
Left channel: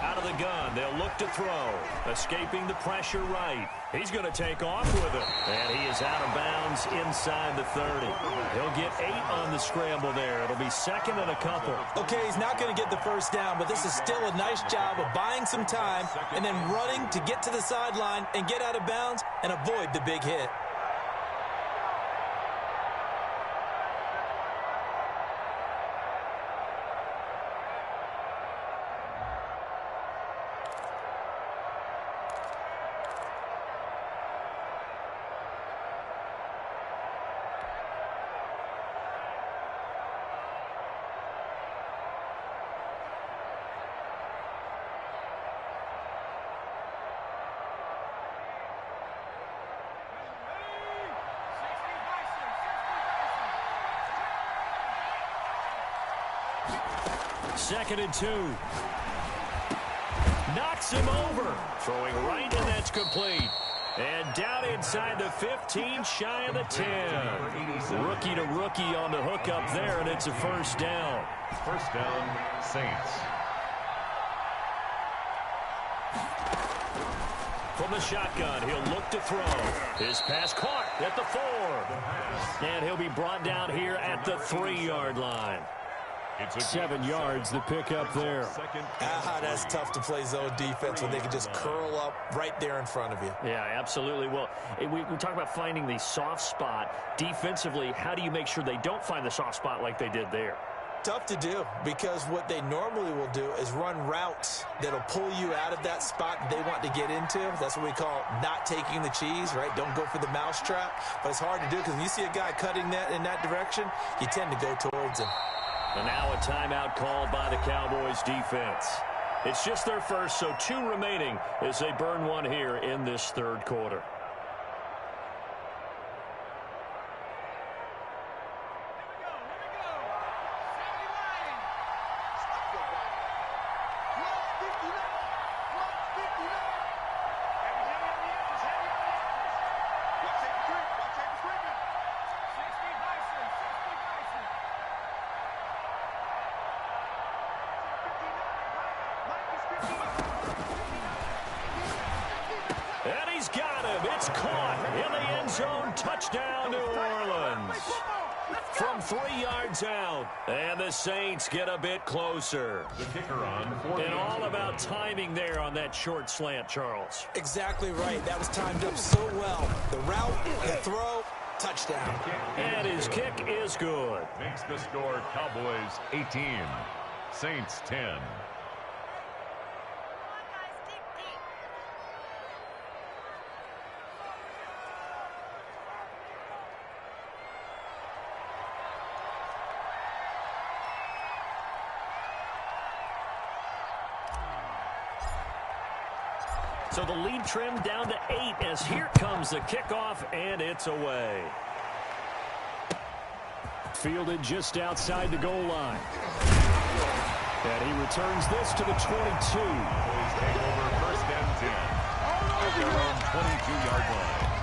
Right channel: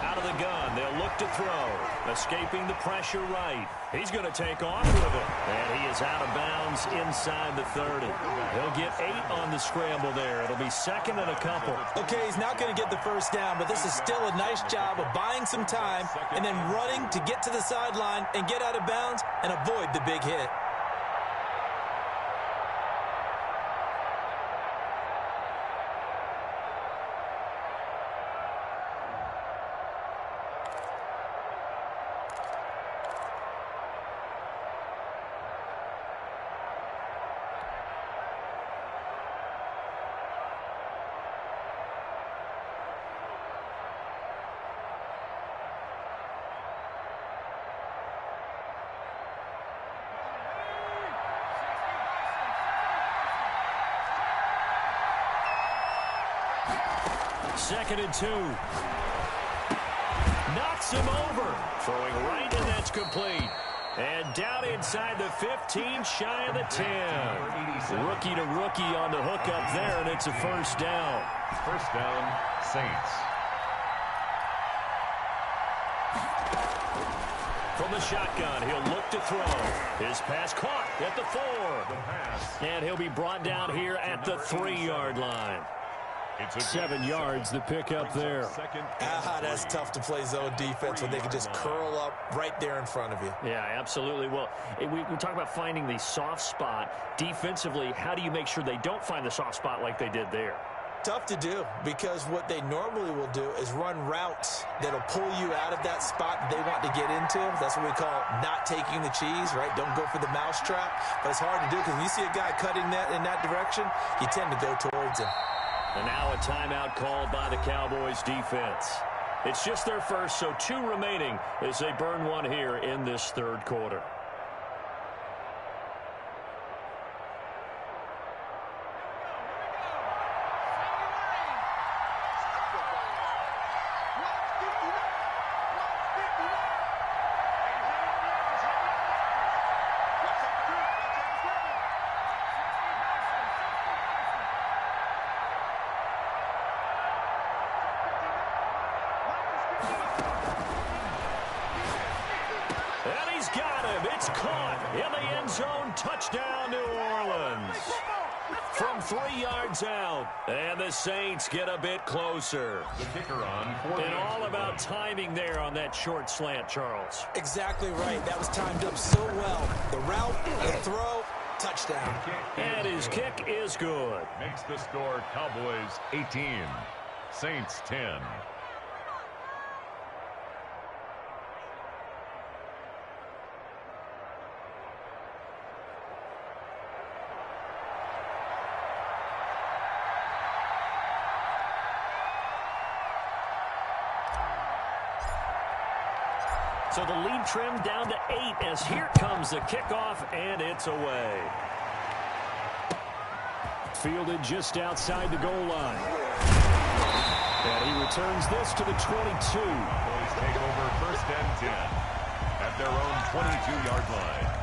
Out of the gun, they'll look to throw. Escaping the pressure right. He's going to take off with it. And he is out of bounds inside the 30. He'll get 8 on the scramble there. It'll be 2nd and a couple. Okay, he's not going to get the first down, but this is still a nice job of buying some time and then running to get to the sideline and get out of bounds and avoid the big hit. Second and 2. knocks him over. Throwing right, and that's complete. And down inside the 15, shy of the 10. Rookie to rookie on the hook up there, and it's a first down. First down, Saints. From the shotgun, he'll look to throw. His pass caught at the 4. And he'll be brought down here at the 3-yard line. 7 yards, the pickup there. That's tough to play zone defense when they can just curl up right there in front of you. Yeah, absolutely. Well, we talk about finding the soft spot. Defensively, how do you make sure they don't find the soft spot like they did there? Tough to do, because what they normally will do is run routes that'll pull you out of that spot that they want to get into. That's what we call not taking the cheese, right? Don't go for the mousetrap. But it's hard to do because when you see a guy cutting that in that direction, you tend to go towards him. And now a timeout called by the Cowboys defense. It's just their first, so 2 remaining as they burn one here in this third quarter. And he's got him. It's caught in the end zone. Touchdown, New Orleans. From 3 yards out. And the Saints get a bit closer. The kicker on. And all about timing there on that short slant, Charles. Exactly right. That was timed up so well. The route, the throw, touchdown. And his kick is good. Makes the score Cowboys 18, Saints 10. So the lead trimmed down to 8 as here comes the kickoff, and it's away. Fielded just outside the goal line. And he returns this to the 22. Cowboys take over first and 10 at their own 22-yard line.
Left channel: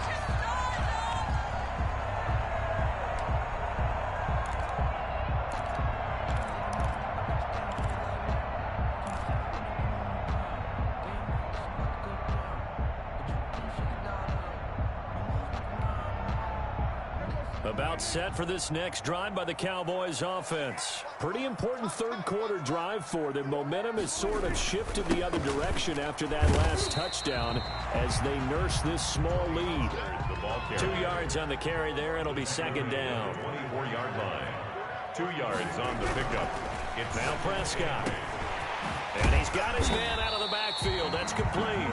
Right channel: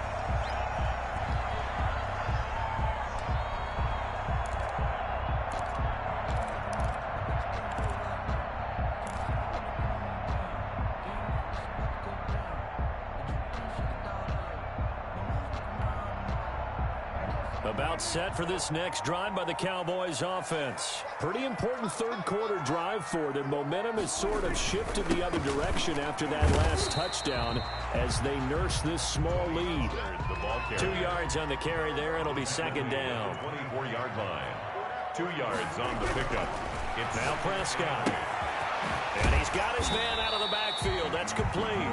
About set for this next drive by the Cowboys offense. Pretty important third quarter drive for them. Momentum has sort of shifted the other direction after that last touchdown as they nurse this small lead. 2 yards on the carry there. It'll be second down. 24-yard line. 2 yards on the pickup. It's now Prescott. And he's got his man out of the backfield. That's complete.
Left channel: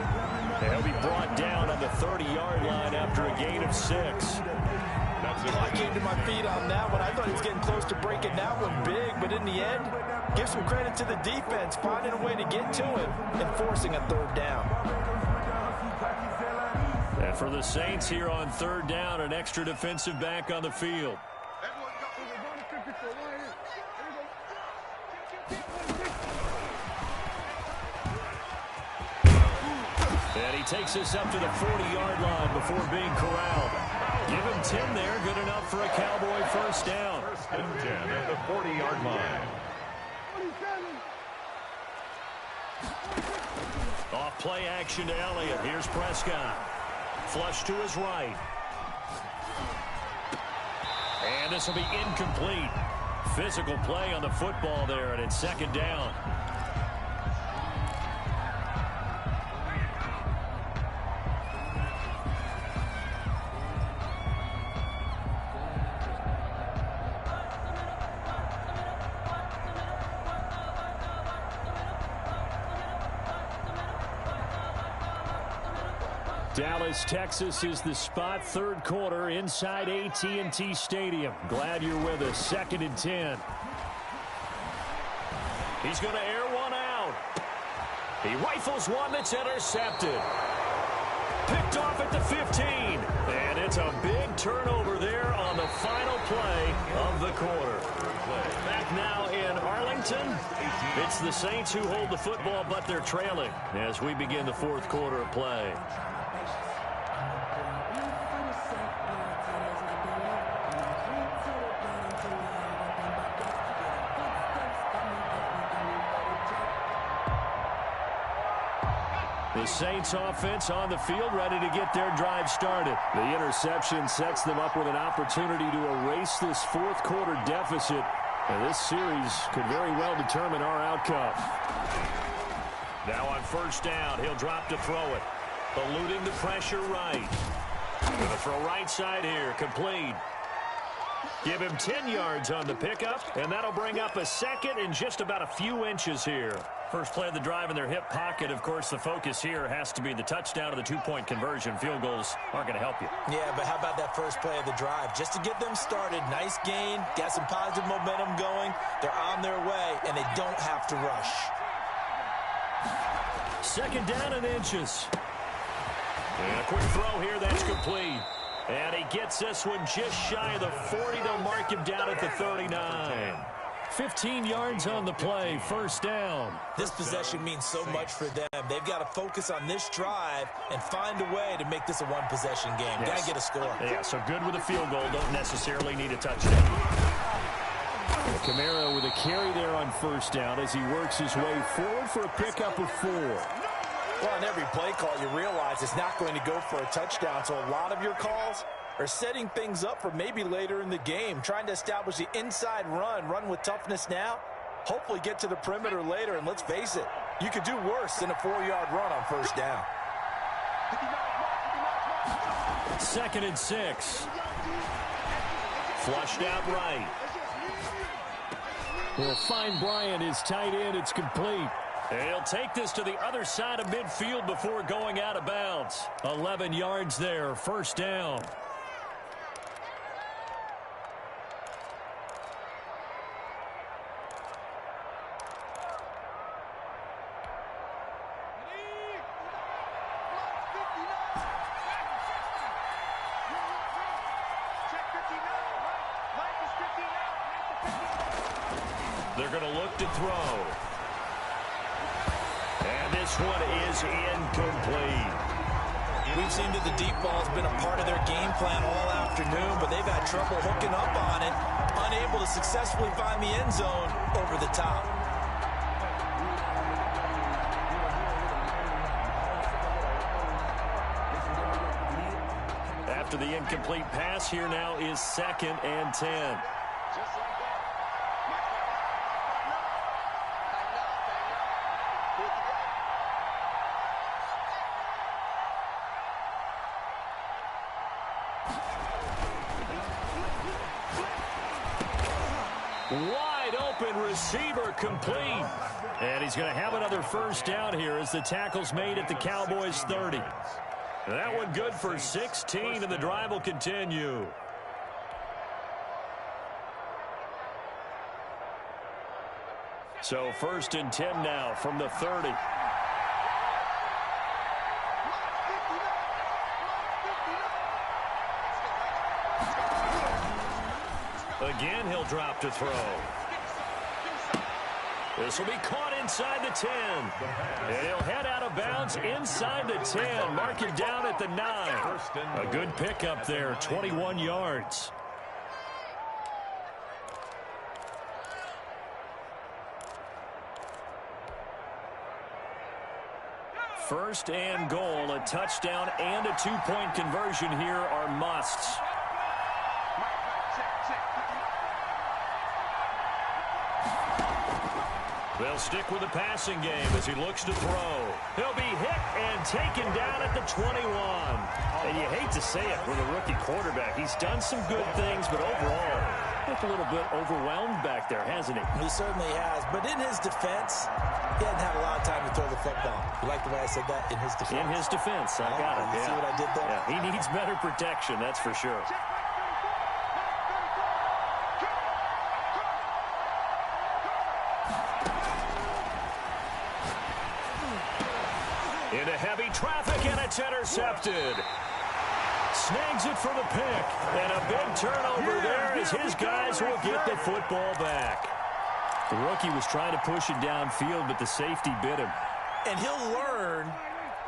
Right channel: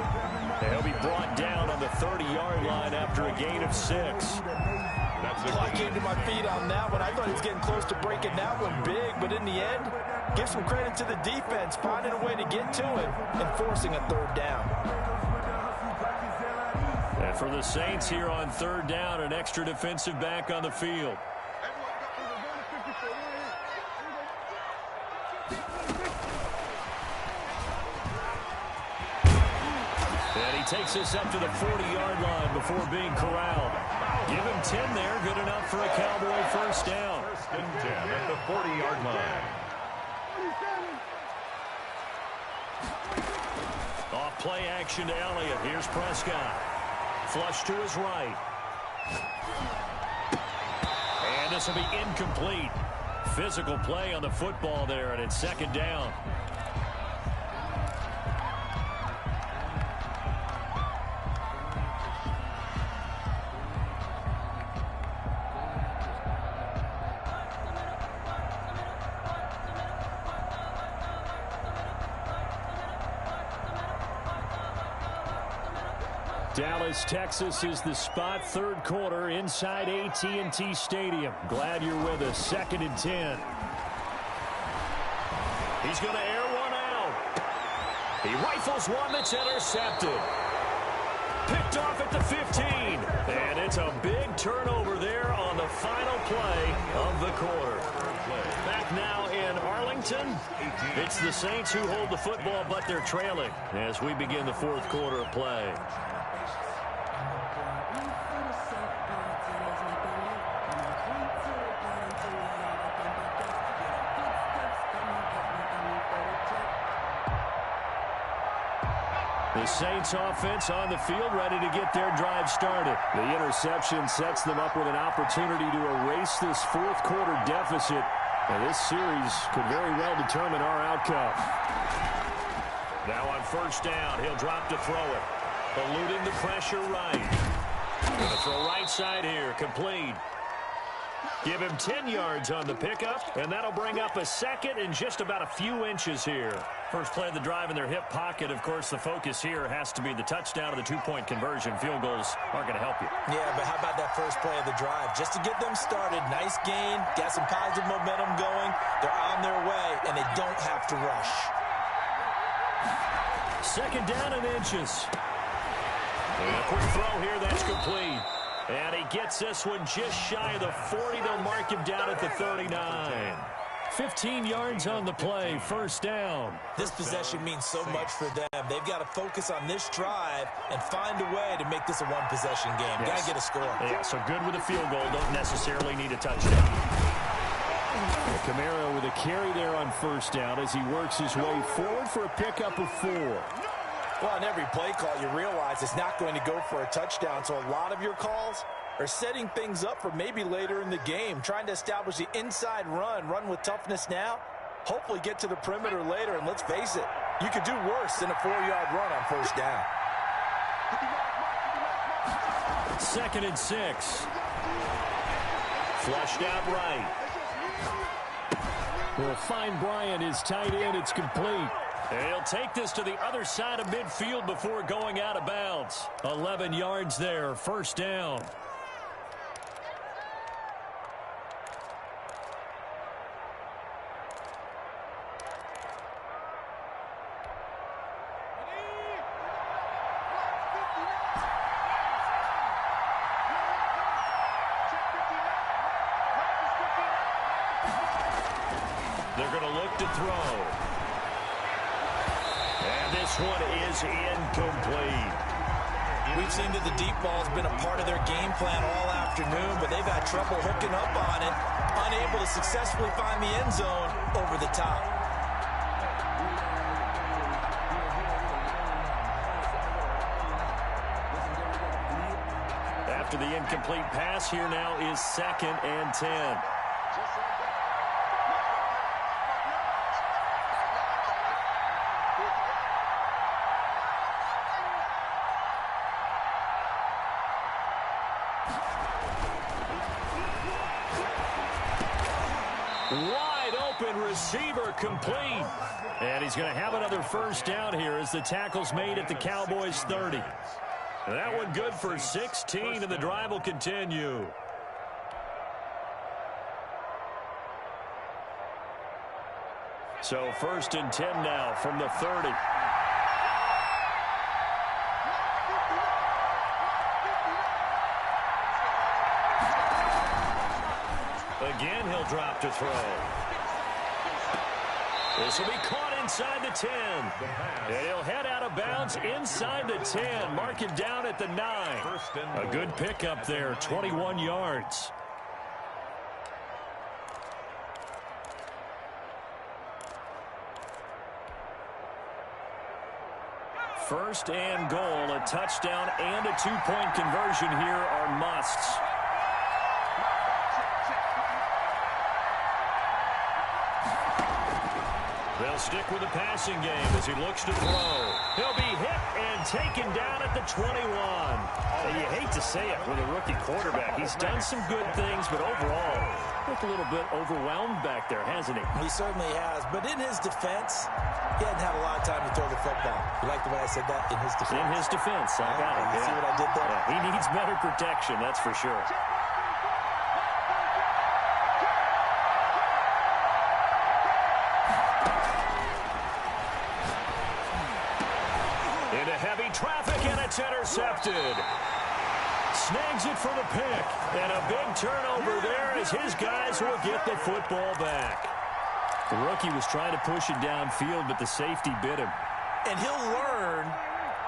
He'll be brought down on the 30-yard line after a gain of 6. I came to my feet on that one. I thought he was getting close to breaking that one big, but in the end, give some credit to the defense, finding a way to get to him and forcing a third down. And for the Saints here on third down, an extra defensive back on the field. And he takes us up to the 40-yard line before being corralled. Give him 10 there. Good enough for a Cowboy first down. First and 10 at the 40-yard line. Off play action to Elliott. Here's Prescott. Flush to his right. And this will be incomplete. Physical play on the football there, and it's second down. Dallas, Texas is the spot. Third quarter inside AT&T Stadium. Glad you're with us. Second and 10. He's going to air one out. He rifles one that's intercepted. Picked off at the 15. And it's a big turnover there on the final play of the quarter. Back now in Arlington. It's the Saints who hold the football, but they're trailing as we begin the fourth quarter of play. The Saints offense on the field, ready to get their drive started. The interception sets them up with an opportunity to erase this fourth quarter deficit. And this series could very well determine our outcome. Now on first down, he'll drop to throw it. Eluding the pressure right. Going to throw right side here, complete. Give him 10 yards on the pickup, and that'll bring up a second and just about a few inches here. First play of the drive in their hip pocket. Of course, the focus here has to be the touchdown or the two-point conversion. Field goals aren't going to help you. Yeah, but how about that first play of the drive? Just to get them started, nice gain, got some positive momentum going. They're on their way, and they don't have to rush. Second down and inches. And a quick throw here, that's complete. And he gets this one just shy of the 40. They'll mark him down at the 39. 15 yards on the play, first down. This possession means so much for them. They've got to focus on this drive and find a way to make this a one-possession game. Yes. Got to get a score. Yeah, so good with a field goal. Don't necessarily need a touchdown. Camaro with a carry there on first down as he works his way forward for a pickup of 4. Well, on every play call, you realize it's not going to go for a touchdown, so a lot of your calls are setting things up for maybe later in the game, trying to establish the inside run with toughness now, hopefully get to the perimeter later, and let's face it, you could do worse than a 4-yard run on first down. 2nd and 6. Flushed out right. They'll find Bryant, his tight end. It's complete. He'll take this to the other side of midfield before going out of bounds. 11 yards there, first down. They're going to look to throw. And this one is incomplete. We've seen that the deep ball's been a part of their game plan all afternoon, but they've had trouble hooking up on it, unable to successfully find the end zone over the top. After the incomplete pass, here now is 2nd and 10. Wide open receiver, complete. And he's going to have another first down here as the tackle's made at the Cowboys 30. That one good for 16, and the drive will continue. So 1st and 10 now from the 30. Again, he'll drop to throw. This will be caught inside the 10. And he'll head out of bounds inside the 10. Mark it down at the 9. A good pickup there, 21 yards. First and goal, a touchdown and a 2-point conversion here are musts. They'll stick with the passing game as he looks to throw. He'll be hit and taken down at the 21. And you hate to say it with a rookie quarterback. He's done some good things, but overall, looked a little bit overwhelmed back there, hasn't he? He certainly has. But in his defense, he hadn't had a lot of time to throw the football. You like the way I said that? In his defense. In his defense. I got it. You see what I did there? Yeah, he needs better protection, that's for sure. Into heavy traffic, and it's intercepted. Snags it for the pick, and a big turnover there as his guys will get the football back. The rookie was trying to push it downfield, but the safety bit him. And he'll learn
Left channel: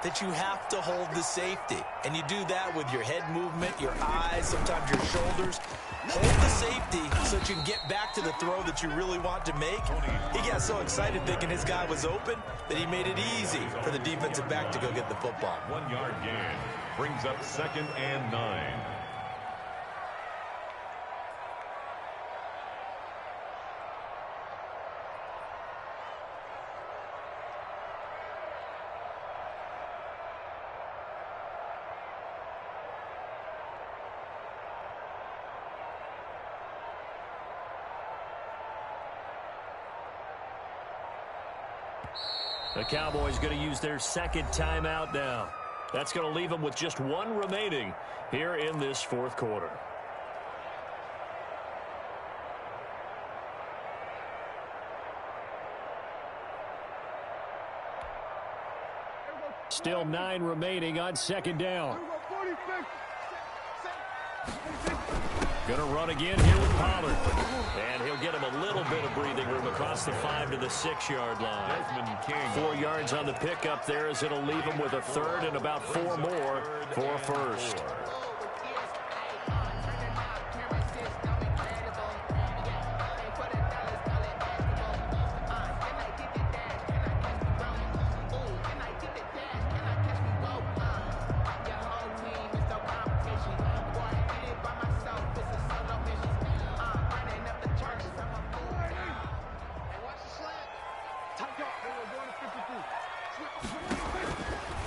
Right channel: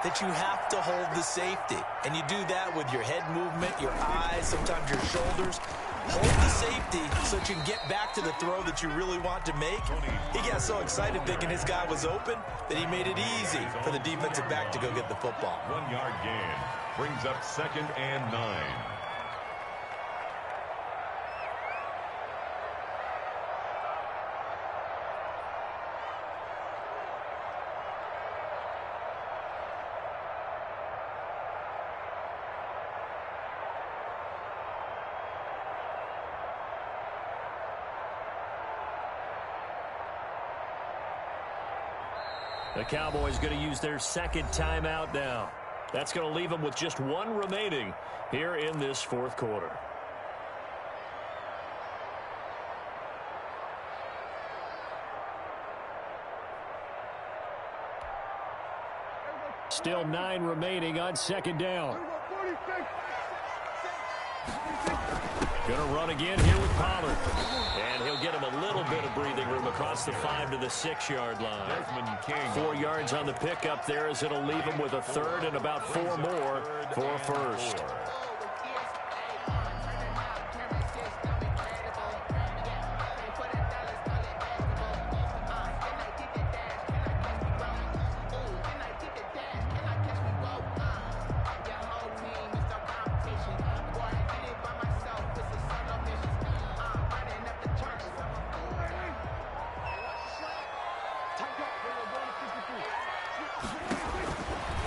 that you have to hold the safety. And you do that with your head movement, your eyes, sometimes your shoulders. Hold the safety so that you can get back to the throw that you really want to make. He got so excited thinking his guy was open that he made it easy for the defensive back to go get the football. 1 yard gain brings up 2nd and 9. The Cowboys going to use their second timeout now. That's going to leave them with just one remaining here in this fourth quarter. Still 9 remaining on second down. Going to run again here with Pollard. And he'll get him a little bit of breathing room across the 5 to the 6-yard line. 4 yards on the pickup there as it'll leave him with a third and about 4 more for a first.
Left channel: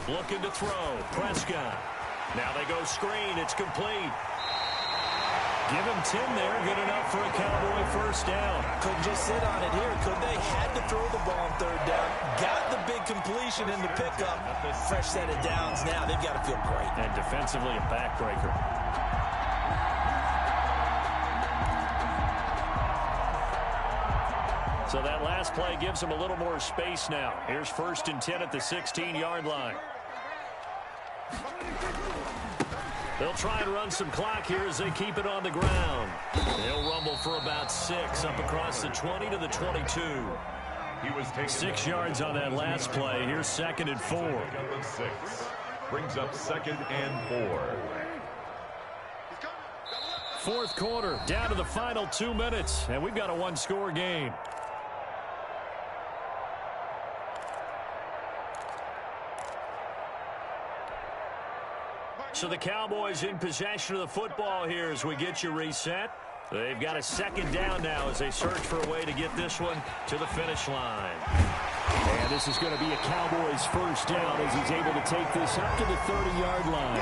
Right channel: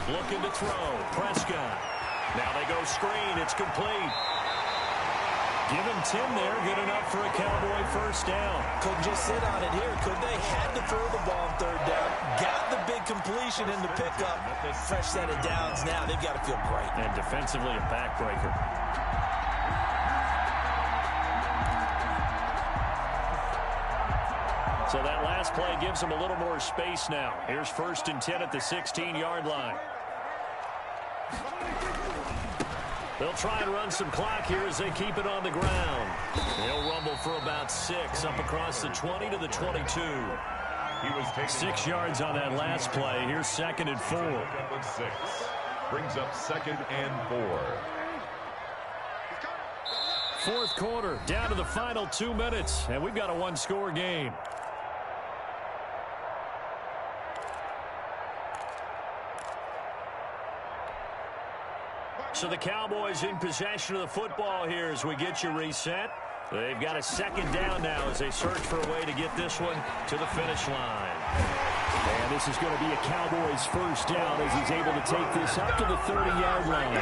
Looking to throw. Prescott. Now they go screen. It's complete. Give him 10 there. Good enough for a Cowboy first down. Couldn't just sit on it here, could they? Had to throw the ball on third down. Got the big completion in the pickup. Fresh set of downs now. They've got to feel great. And defensively a backbreaker. So that last play gives them a little more space now. Here's 1st and 10 at the 16-yard line. They'll try and run some clock here as they keep it on the ground. They'll rumble for about 6 up across the 20 to the 22. He was taken 6 yards on that last play. Here's 2nd and 4. 6. Brings up 2nd and 4. Fourth quarter, down to the final 2 minutes, and we've got a one-score game. So the Cowboys in possession of the football here as we get you reset. They've got a second down now as they search for a way to get this one to the finish line. And this is going to be a Cowboys first down as he's able to take this up to the 30-yard line.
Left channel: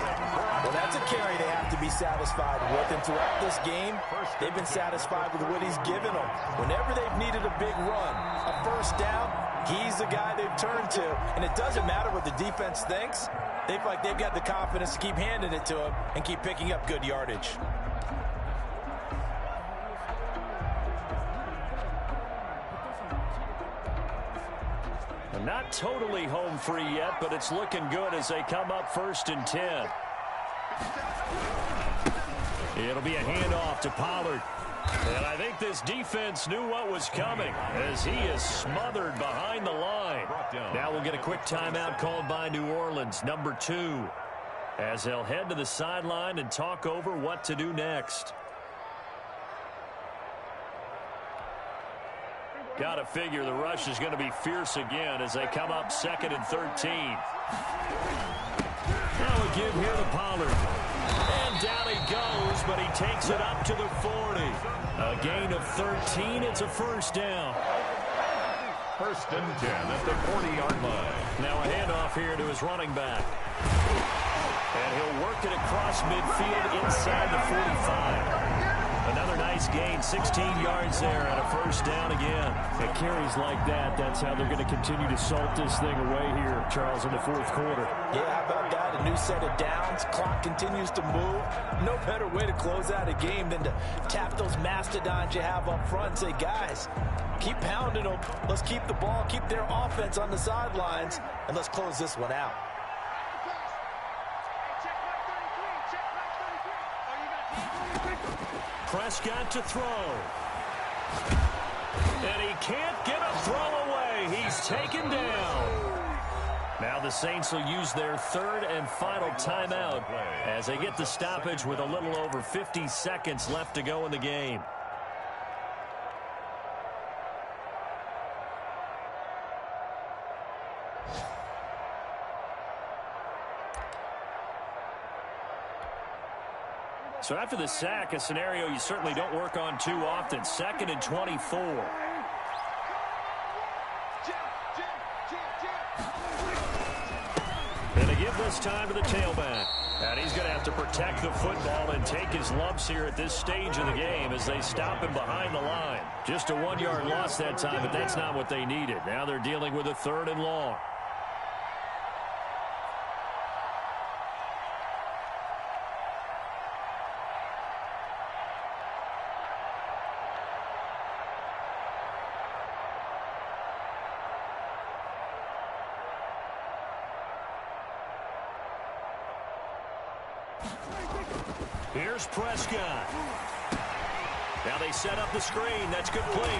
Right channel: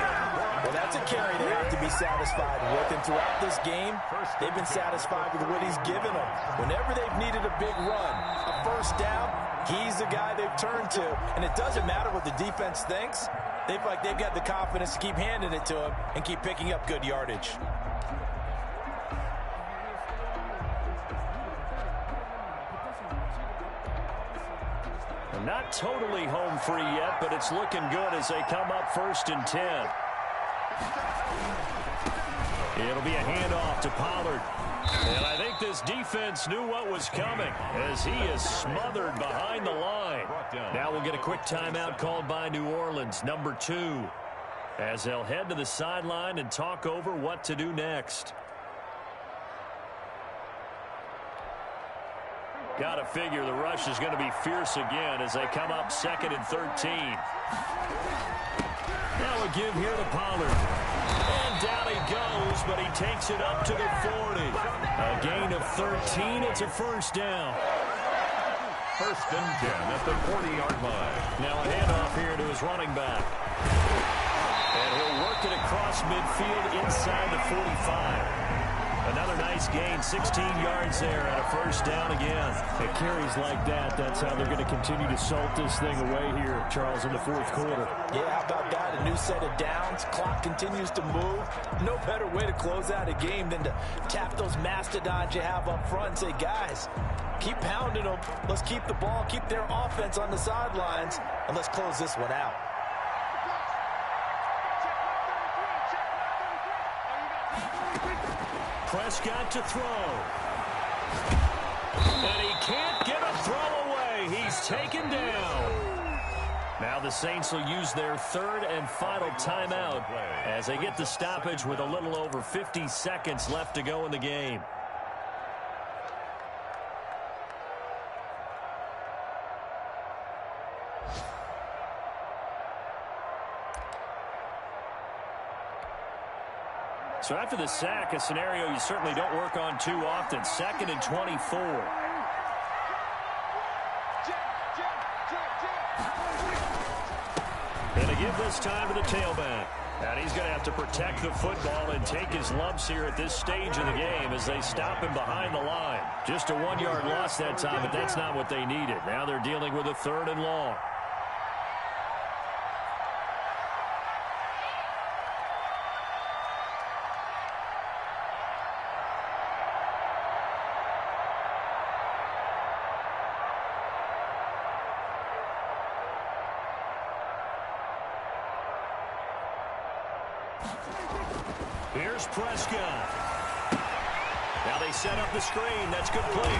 Well, that's a carry they have to be satisfied with. And throughout this game, they've been satisfied with what he's given them. Whenever they've needed a big run, a first down, he's the guy they've turned to. And it doesn't matter what the defense thinks. They feel like they've got the confidence to keep handing it to him and keep picking up good yardage. Not totally home free yet, but it's looking good as they come up 1st and 10. It'll be a handoff to Pollard. And I think this defense knew what was coming as he is smothered behind the line. Now we'll get a quick timeout called by New Orleans, number 2, as they'll head to the sideline and talk over what to do next. Got to figure the rush is going to be fierce again as they come up 2nd and 13. Now a give here to Pollard. And down he goes, but he takes it up to the 40. A gain of 13. It's a first down. 1st and 10 at the 40-yard line. Now a handoff here to his running back. And he'll work it across midfield inside the 45. Another nice gain, 16 yards there and a first down again. It carries like that. That's how they're going to continue to salt this thing away here, Charles, in the fourth quarter. Yeah, how about that? A new set of downs. Clock continues to move. No better way to close out a game than to tap those mastodons you have up front and say, guys, keep pounding them. Let's keep the ball, keep their offense on the sidelines, and let's close this one out. Prescott to throw. And he can't get a throw away. He's taken down. Now the Saints will use their third and final timeout as they get the stoppage with a little over 50 seconds left to go in the game. So after the sack, a scenario you certainly don't work on too often. 2nd and 24. And they give this time to the tailback. And he's going to have to protect the football and take his lumps here at this stage of the game as they stop him behind the line. Just a 1-yard loss that time, but that's not what they needed. Now they're dealing with a 3rd and long. Here's Prescott. Now they set up the screen. That's good play.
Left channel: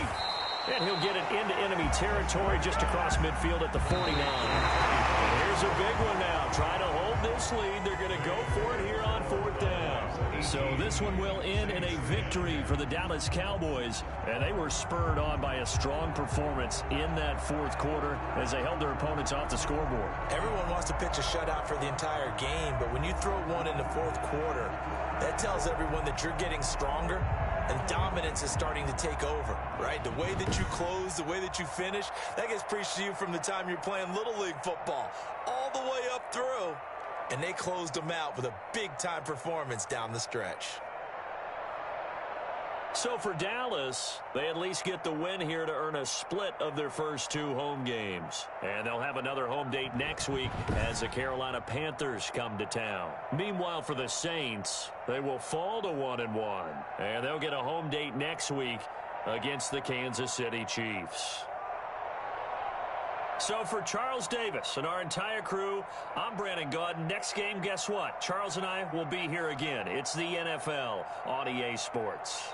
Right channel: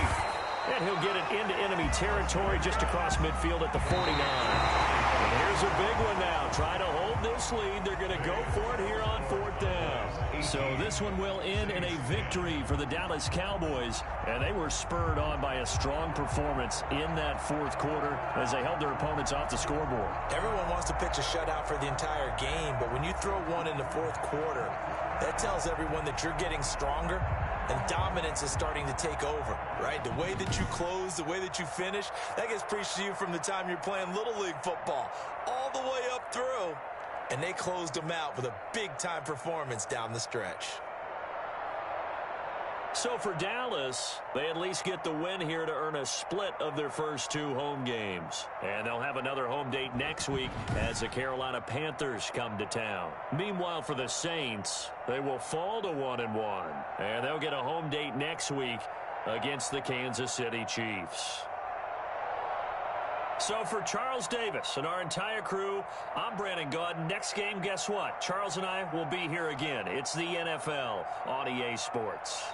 And he'll get it into enemy territory just across midfield at the 49. And here's a big one now. Trying to hold this lead. They're going to go for it here on 4th down. So this one will end in a victory for the Dallas Cowboys. And they were spurred on by a strong performance in that 4th quarter as they held their opponents off the scoreboard. Everyone wants to pitch a shutout for the entire game, but when you throw one in the 4th quarter, that tells everyone that you're getting stronger and dominance is starting to take over, right? The way that you close, the way that you finish, that gets preached to you from the time you're playing Little League football all the way up through. And they closed them out with a big-time performance down the stretch. So for Dallas, they at least get the win here to earn a split of their first 2 home games. And they'll have another home date next week as the Carolina Panthers come to town. Meanwhile, for the Saints, they will fall to 1-1. And they'll get a home date next week against the Kansas City Chiefs. So for Charles Davis and our entire crew, I'm Brandon Gaudin. Next game, guess what? Charles and I will be here again. It's the NFL on EA Sports.